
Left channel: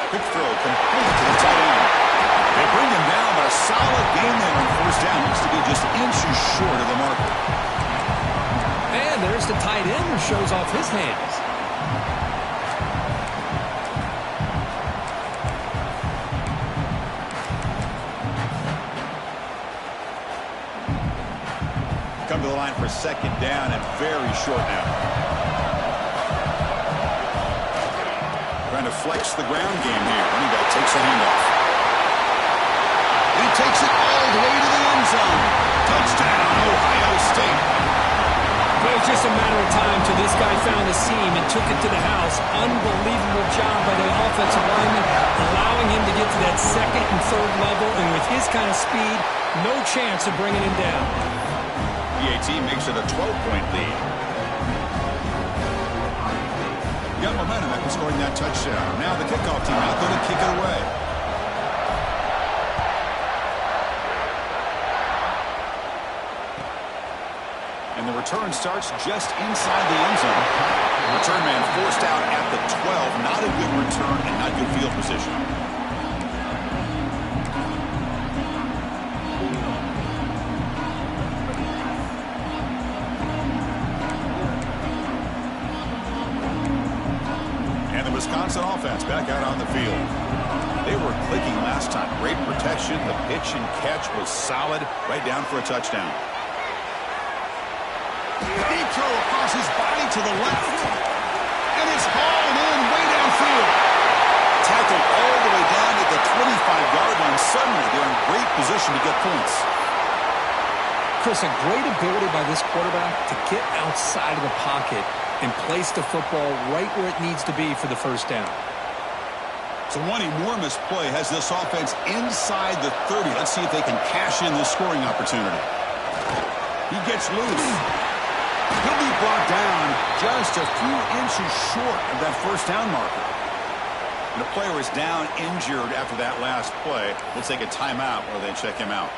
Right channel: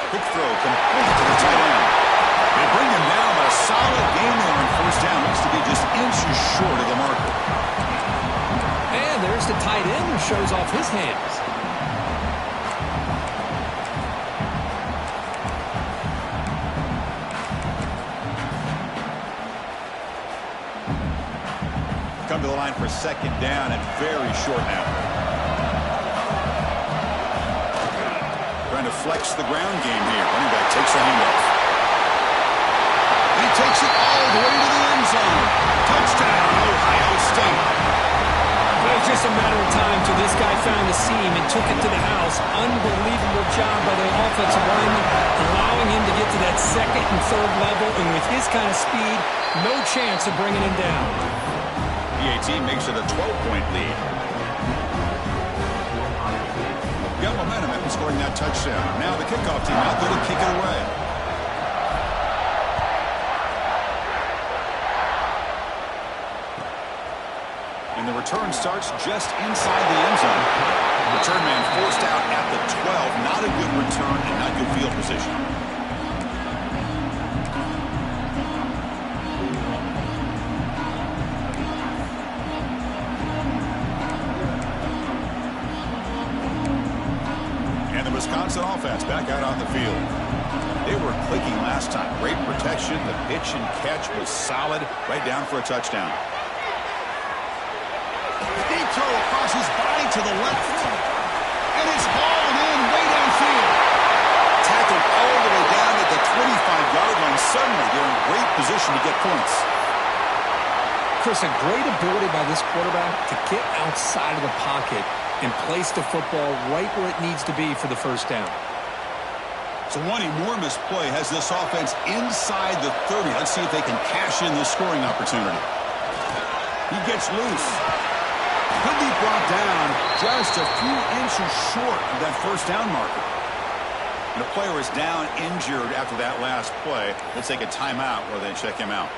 Quick throw complete to the tight end. They bring him down, but a solid game there on first down. Looks to be just inches short of the marker. And there's the tight end who shows off his hands. Come to the line for second down and very short now. Trying to flex the ground game here. Running back takes the handoff. And he takes it all the way to the end zone. Touchdown, Ohio State. Well, it was just a matter of time till this guy found a seam and took it to the house. Unbelievable job by the offensive lineman, allowing him to get to that second and third level. And with his kind of speed, no chance of bringing him down. PAT makes it a 12-point lead. Got momentum after scoring that touchdown. Now the kickoff team out there to kick it away. And the return starts just inside the end zone. Return man forced out at the 12. Not a good return and not good field position. Wisconsin offense back out on the field. They were clicking last time. Great protection. The pitch and catch was solid. Right down for a touchdown. Deep throw across his body to the left. And it's hauled in way downfield. Tackled all the way down at the 25-yard line. Suddenly, they're in great position to get points. Chris, a great ability by this quarterback to get outside of the pocket and place the football right where it needs to be for the first down. So one enormous play has this offense inside the 30. Let's see if they can cash in this scoring opportunity. He gets loose. He'll be brought down just a few inches short of that first down marker. And a player is down injured after that last play. We'll take a timeout while they check him out.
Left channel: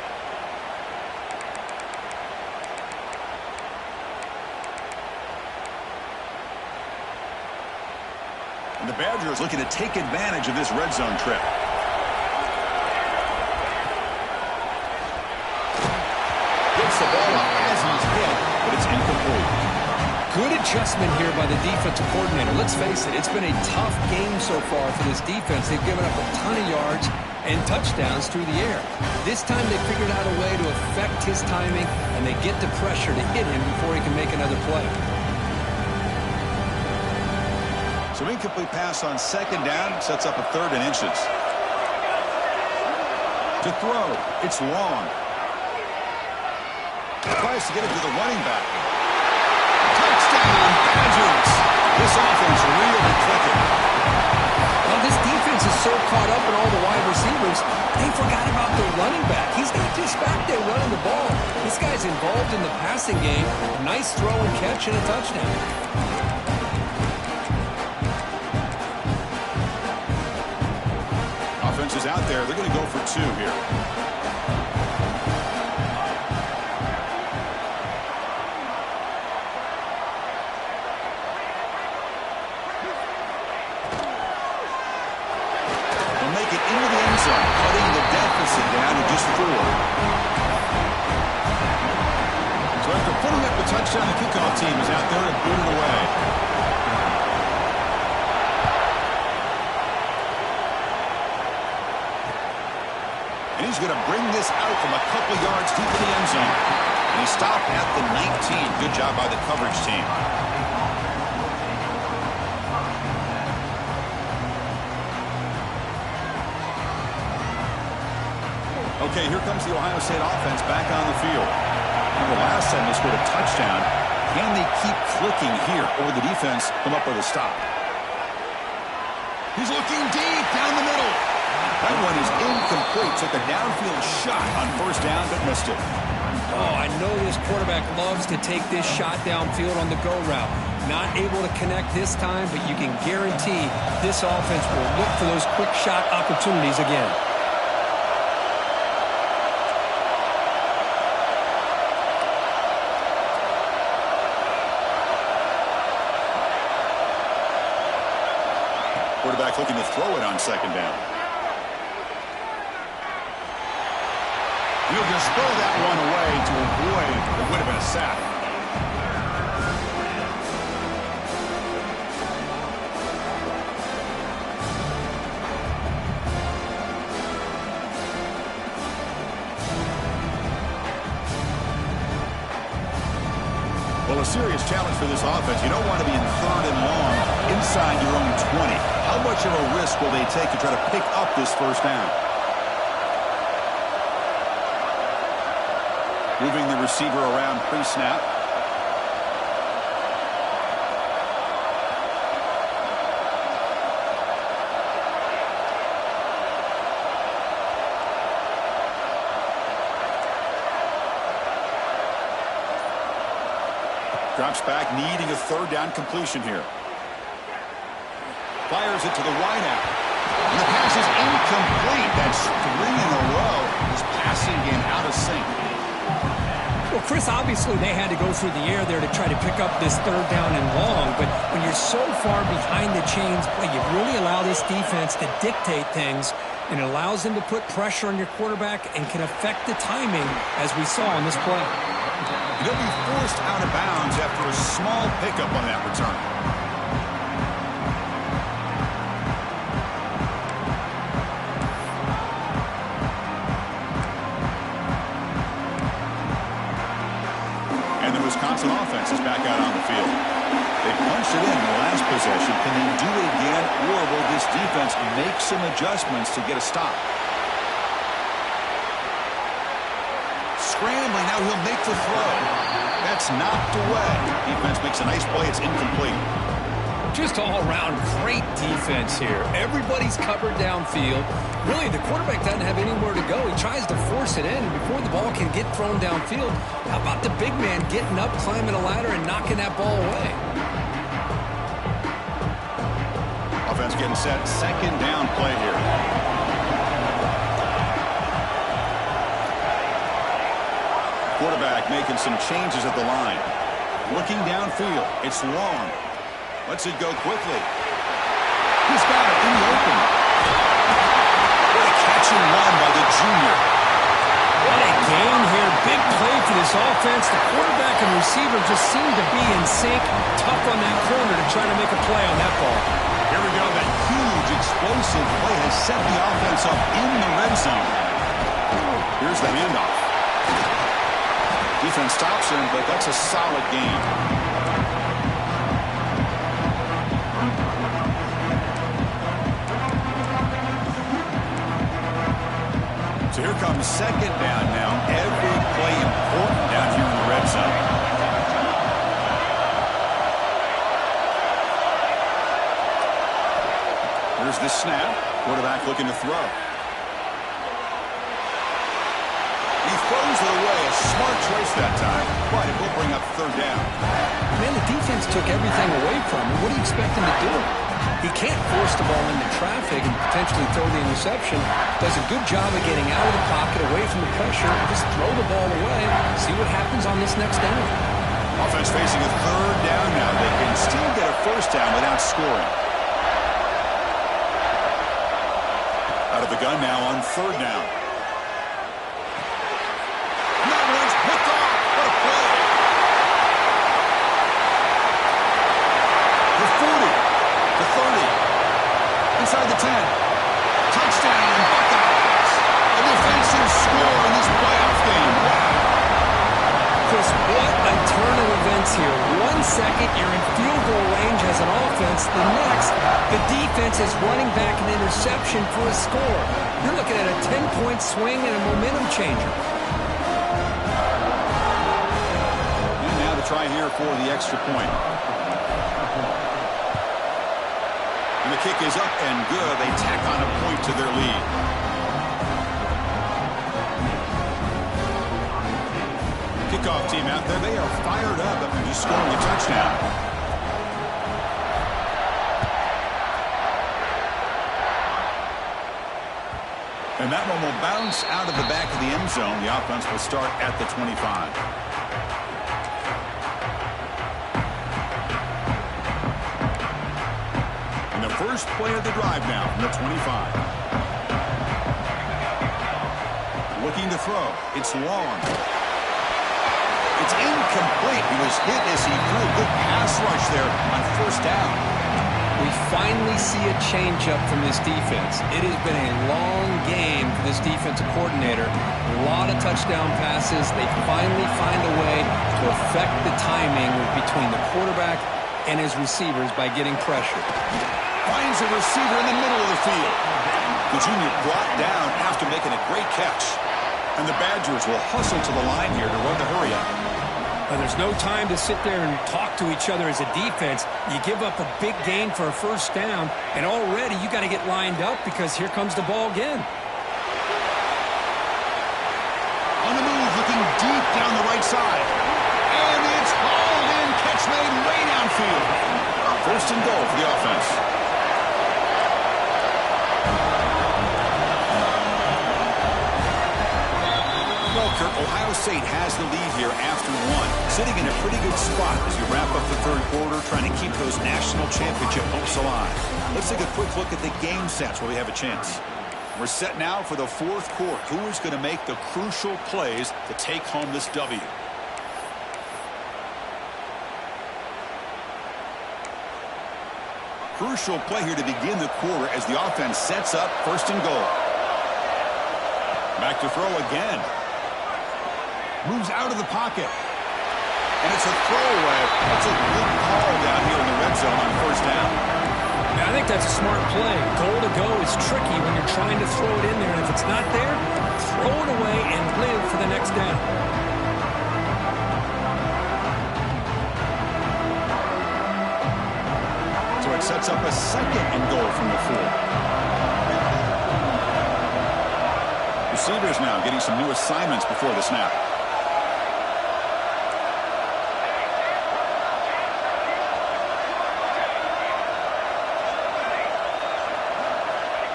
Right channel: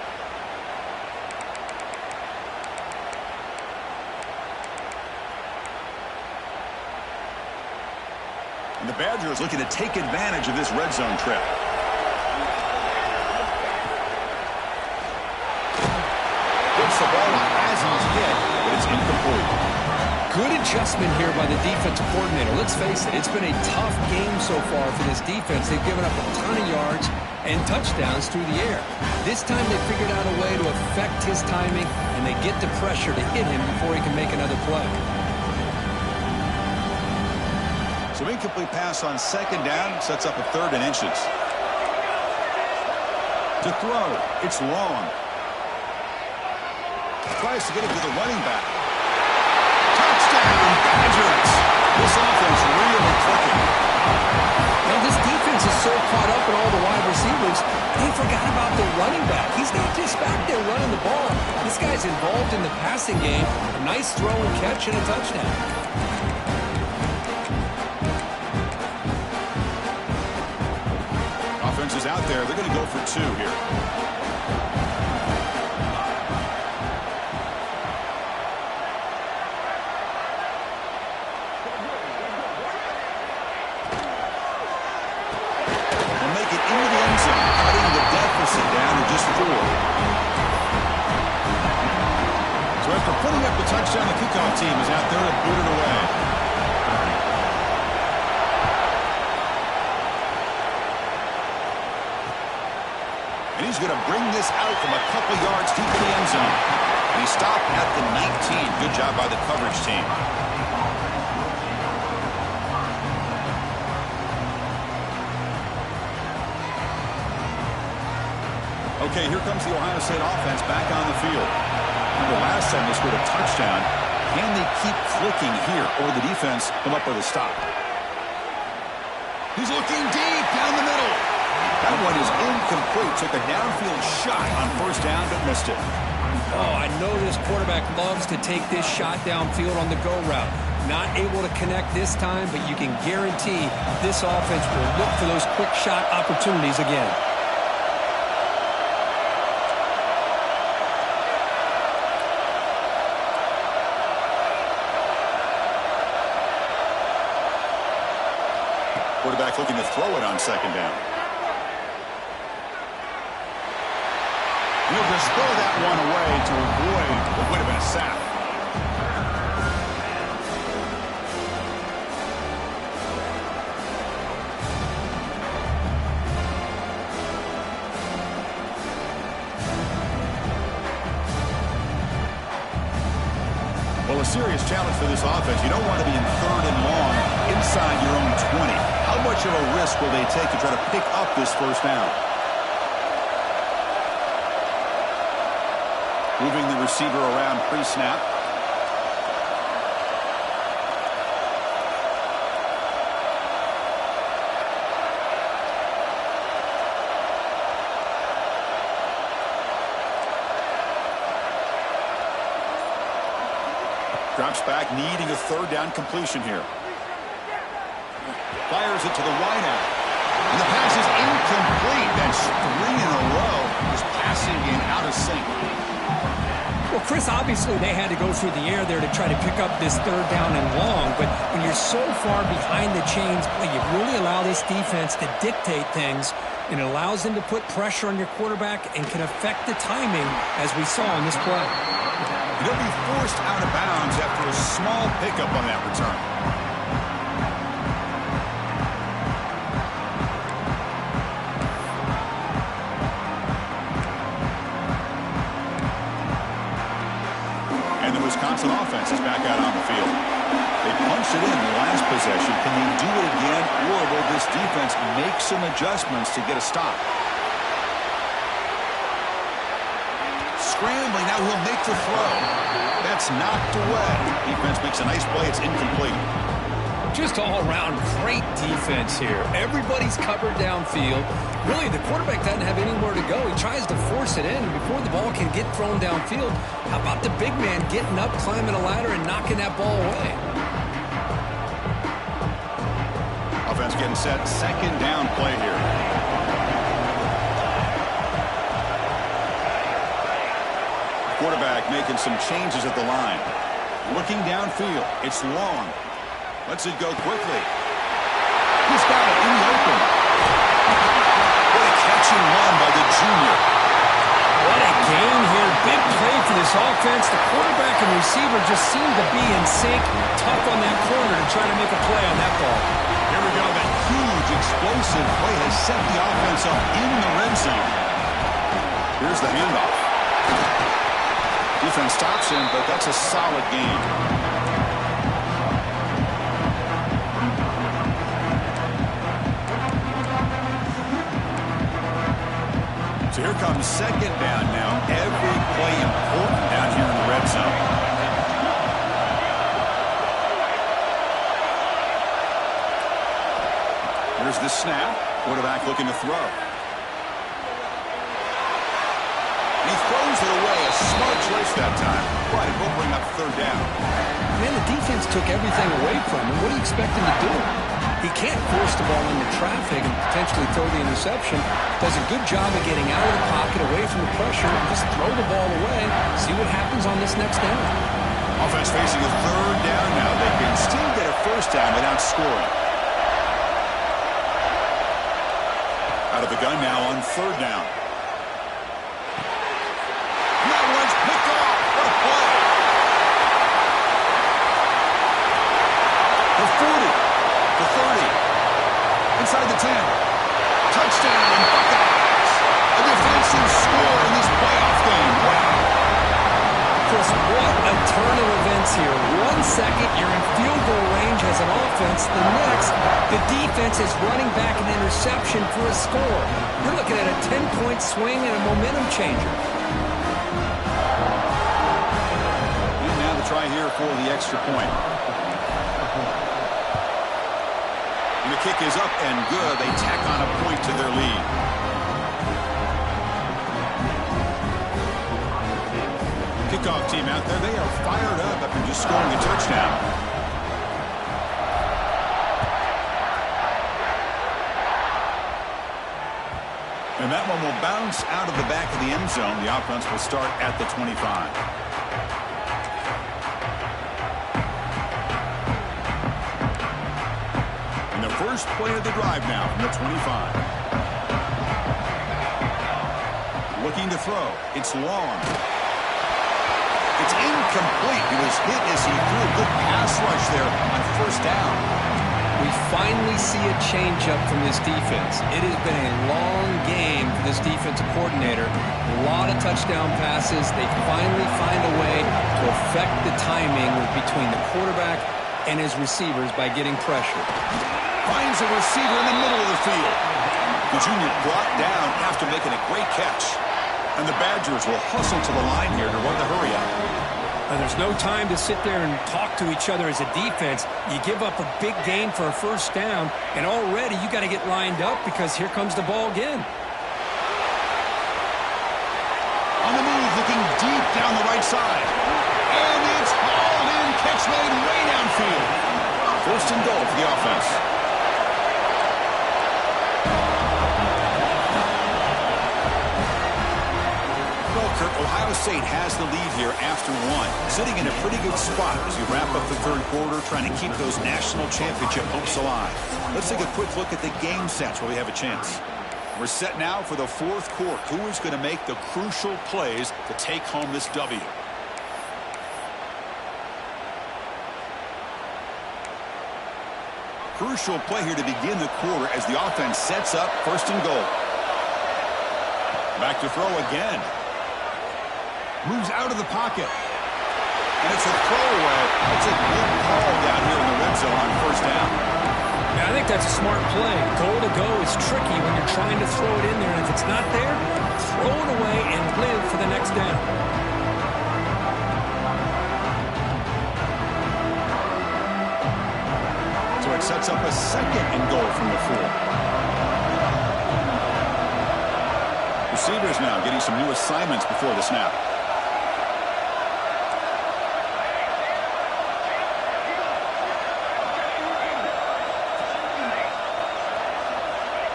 And the Badgers looking to take advantage of this red zone trip. Gets the ball up as he's hit, but it's incomplete. Good adjustment here by the defensive coordinator. Let's face it, it's been a tough game so far for this defense. They've given up a ton of yards and touchdowns through the air. This time they figured out a way to affect his timing, and they get the pressure to hit him before he can make another play. So incomplete pass on second down sets up a 3rd and inches. To throw, it's long. Tries to get it to the running back. Touchdown, Badgers. This offense really clicking. Now this defense is so caught up in all the wide receivers, they forgot about the running back. He's not just back there running the ball. This guy's involved in the passing game. A nice throw and catch and a touchdown. Offense is out there. They're going to go for 2 here. will make it into the end zone, cutting the deficit down to just 4. So after putting up the touchdown, the kickoff team is out there to boot it away. And he's going to bring this out from a couple yards deep in the end zone. And he stopped at the 19. Good job by the coverage team. Okay, here comes the Ohio State offense back on the field. Remember last time they scored a touchdown. Can they keep clicking here, or will the defense come up with a stop? He's looking deep down the middle. That one is incomplete. Took a downfield shot on first down, but missed it. Oh, I know this quarterback loves to take this shot downfield on the go route. Not able to connect this time, but you can guarantee this offense will look for those quick shot opportunities again. Quarterback looking to throw it on second down. He'll just throw that one away to avoid what would have been a sack. Well, a serious challenge for this offense. You don't want to be in 3rd and long inside your own 20. How much of a risk will they take to try to pick up this first down? Moving the receiver around pre-snap. Drops back, needing a 3rd down completion here. Fires it to the wideout. And the pass is incomplete. That's 3 in a row. His passing game out of sync. Well, Chris, obviously they had to go through the air there to try to pick up this 3rd down and long. But when you're so far behind the chains, boy, you really allow this defense to dictate things. And it allows them to put pressure on your quarterback and can affect the timing, as we saw in this play. He'll be forced out of bounds after a small pickup on that return. And the Wisconsin offense is back out on the field. They punched it in the last possession. Can they do it again, or will this defense make some adjustments to get a stop? Scrambling, now he'll make the throw. That's knocked away. Defense makes a nice play. It's incomplete. Just all-around great defense here. Everybody's covered downfield. Really, the quarterback doesn't have anywhere to go. He tries to force it in, and before the ball can get thrown downfield, how about the big man getting up, climbing a ladder, and knocking that ball away? Offense getting set. 2nd down play here. Quarterback making some changes at the line. Looking downfield. It's long. Lets it go quickly. He's got it in the open. What a catching one by the junior. What a game here. Big play for this offense. The quarterback and receiver just seem to be in sync. Tough on that corner to try to make a play on that ball. Here we go. That huge explosive play has set the offense up in the red zone. Here's the handoff. Defense stops him, but that's a solid gain. So here comes 2nd down now. Every play important down here in the red zone. Here's the snap. Quarterback looking to throw. He throws it away. A smart choice that time, but it will bring up 3rd down. Man, the defense took everything away from him. What do you expect him to do? He can't force the ball into traffic and potentially throw the interception. Does a good job of getting out of the pocket, away from the pressure, and just throw the ball away. See what happens on this next down. Offense facing a 3rd down now. They can still get a 1st down without scoring. Out of the gun now on third down. And that one's picked off. What a play. The 40, the 30, inside the 10. Touchdown, Buckeyes. A defensive score in this playoff game. Wow. Chris, what a turn of events here. 1 second, you're in field goal range as an offense. The next, the defense is running back an interception for a score. You're looking at a 10-point swing and a momentum changer. And now the try here for the extra point. And the kick is up and good. They tack on a point to their lead. Kickoff team out there. They are fired up after just scoring a touchdown. And that one will bounce out of the back of the end zone. The offense will start at the 25. And the first play of the drive now from the 25. Looking to throw. It's long. It's incomplete. He was hit as he threw a good pass rush there on first down. We finally see a changeup from this defense. It has been a long game for this defensive coordinator. A lot of touchdown passes. They finally find a way to affect the timing between the quarterback and his receivers by getting pressure. Finds a receiver in the middle of the field. The junior brought down after making a great catch. And the Badgers will hustle to the line here to run the hurry-up. There's no time to sit there and talk to each other as a defense. You give up a big gain for a first down, and already you got to get lined up because here comes the ball again. On the move, looking deep down the right side. And it's hauled in. Catch made way downfield. First and goal for the offense. Well, Kirk, Ohio State has the lead here after one. Sitting in a pretty good spot as you wrap up the third quarter, trying to keep those national championship hopes alive. Let's take a quick look at the game sets where we have a chance. We're set now for the fourth quarter. Who is going to make the crucial plays to take home this W? Crucial play here to begin the quarter as the offense sets up first and goal. Back to throw again. Moves out of the pocket. And it's a throwaway. That's a good call down here in the red zone on first down. Now, I think that's a smart play. Goal to go is tricky when you're trying to throw it in there. And if it's not there, throw it away and live for the next down. So it sets up a second and goal from the 4. Receivers now getting some new assignments before the snap.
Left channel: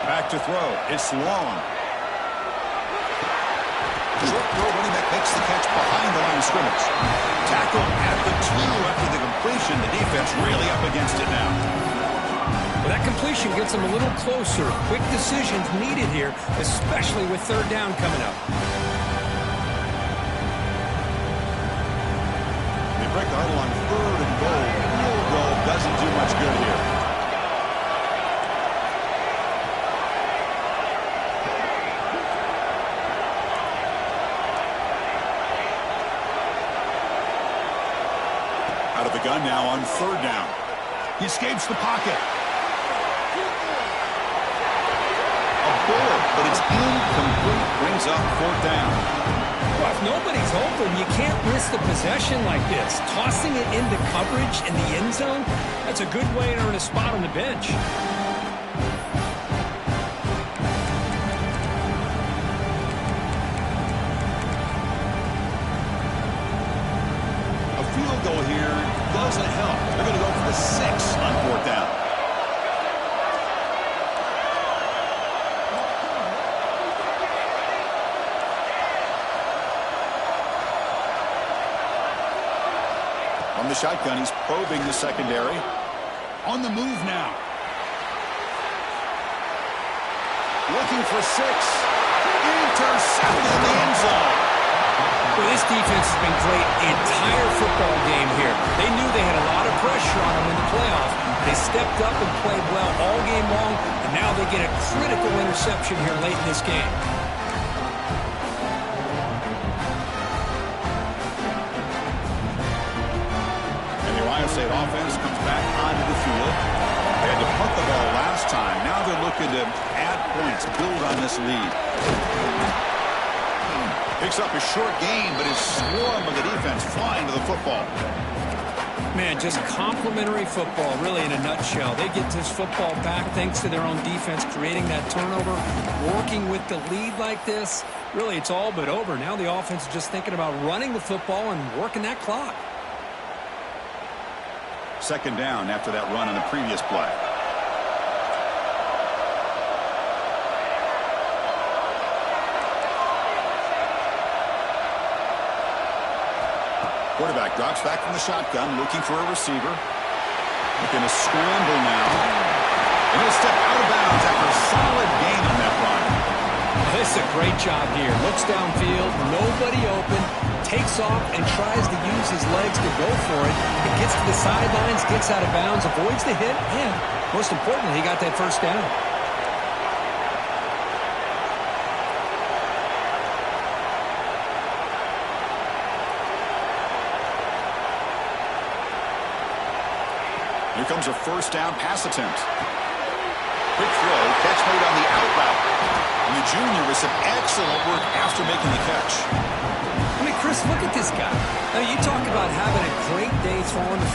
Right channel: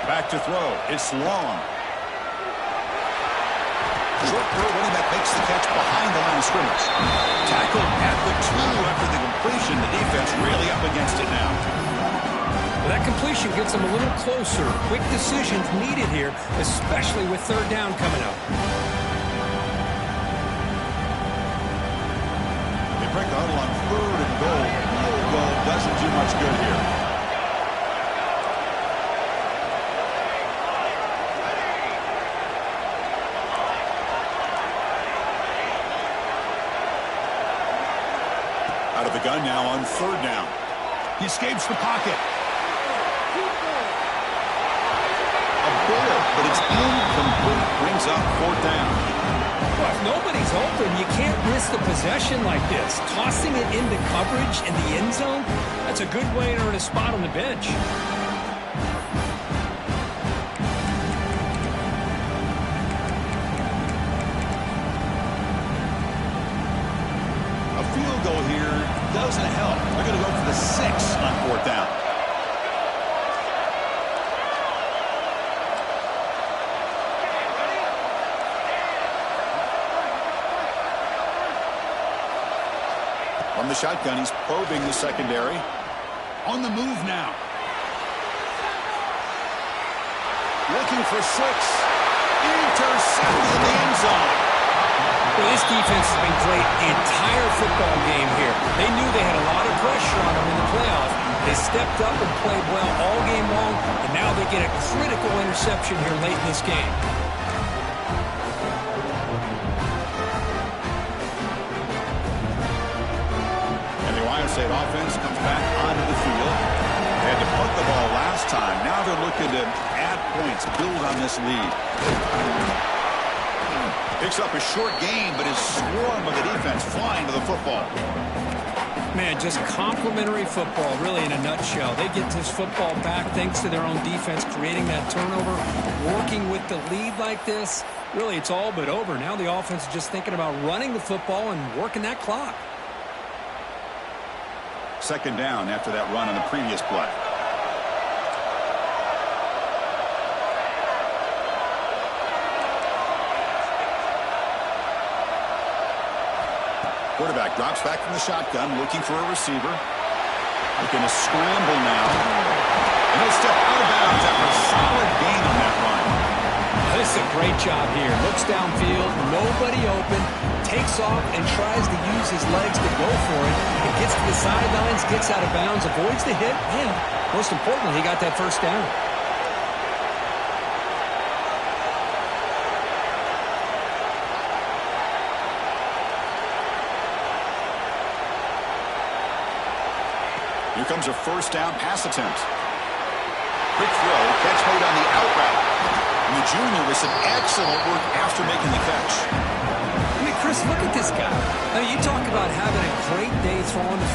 Back to throw. It's long. Short throw, running back makes the catch behind the line of scrimmage. Tackled at the 2 after the completion. The defense really up against it now. Well, that completion gets them a little closer. Quick decisions needed here, especially with third down coming up. They break the huddle on third and goal. Field goal doesn't do much good here. Out of the gun now on third down. He escapes the pocket. A bullet, but it's incomplete. Brings up fourth down. Well, if nobody's open, you can't risk the possession like this. Tossing it into coverage in the end zone, that's a good way to earn a spot on the bench. A field goal here doesn't help. They're going to go for the 6 on fourth down. From the shotgun, he's probing the secondary. On the move now. looking for 6. Intercepted in the end zone. Well, this defense has been great the entire football game here. They knew they had a lot of pressure on them in the playoffs. They stepped up and played well all game long, and now they get a critical interception here late in this game. And the Ohio State offense comes back onto the field. They had to punt the ball last time. Now they're looking to add points, build on this lead. Picks up a short gain, but his swarm of the defense flying to the football. Man, just complimentary football, really, in a nutshell. They get this football back thanks to their own defense, creating that turnover, working with the lead like this. Really, it's all but over. Now the offense is just thinking about running the football and working that clock. Second down after that run on the previous play. Quarterback drops back from the shotgun, looking for a receiver. Looking to scramble now. And he'll step out of bounds after a solid gain on that run. This is a great job here. Looks downfield, nobody open, takes off and tries to use his legs to go for it. It gets to the sidelines, gets out of bounds, avoids the hit, and most importantly, he got that first down. Here comes a first down pass attempt. Quick throw, catch made on the out route. And the junior with some excellent work after making the catch. I mean, Chris, look at this guy. I mean, you talk about having a great day throwing the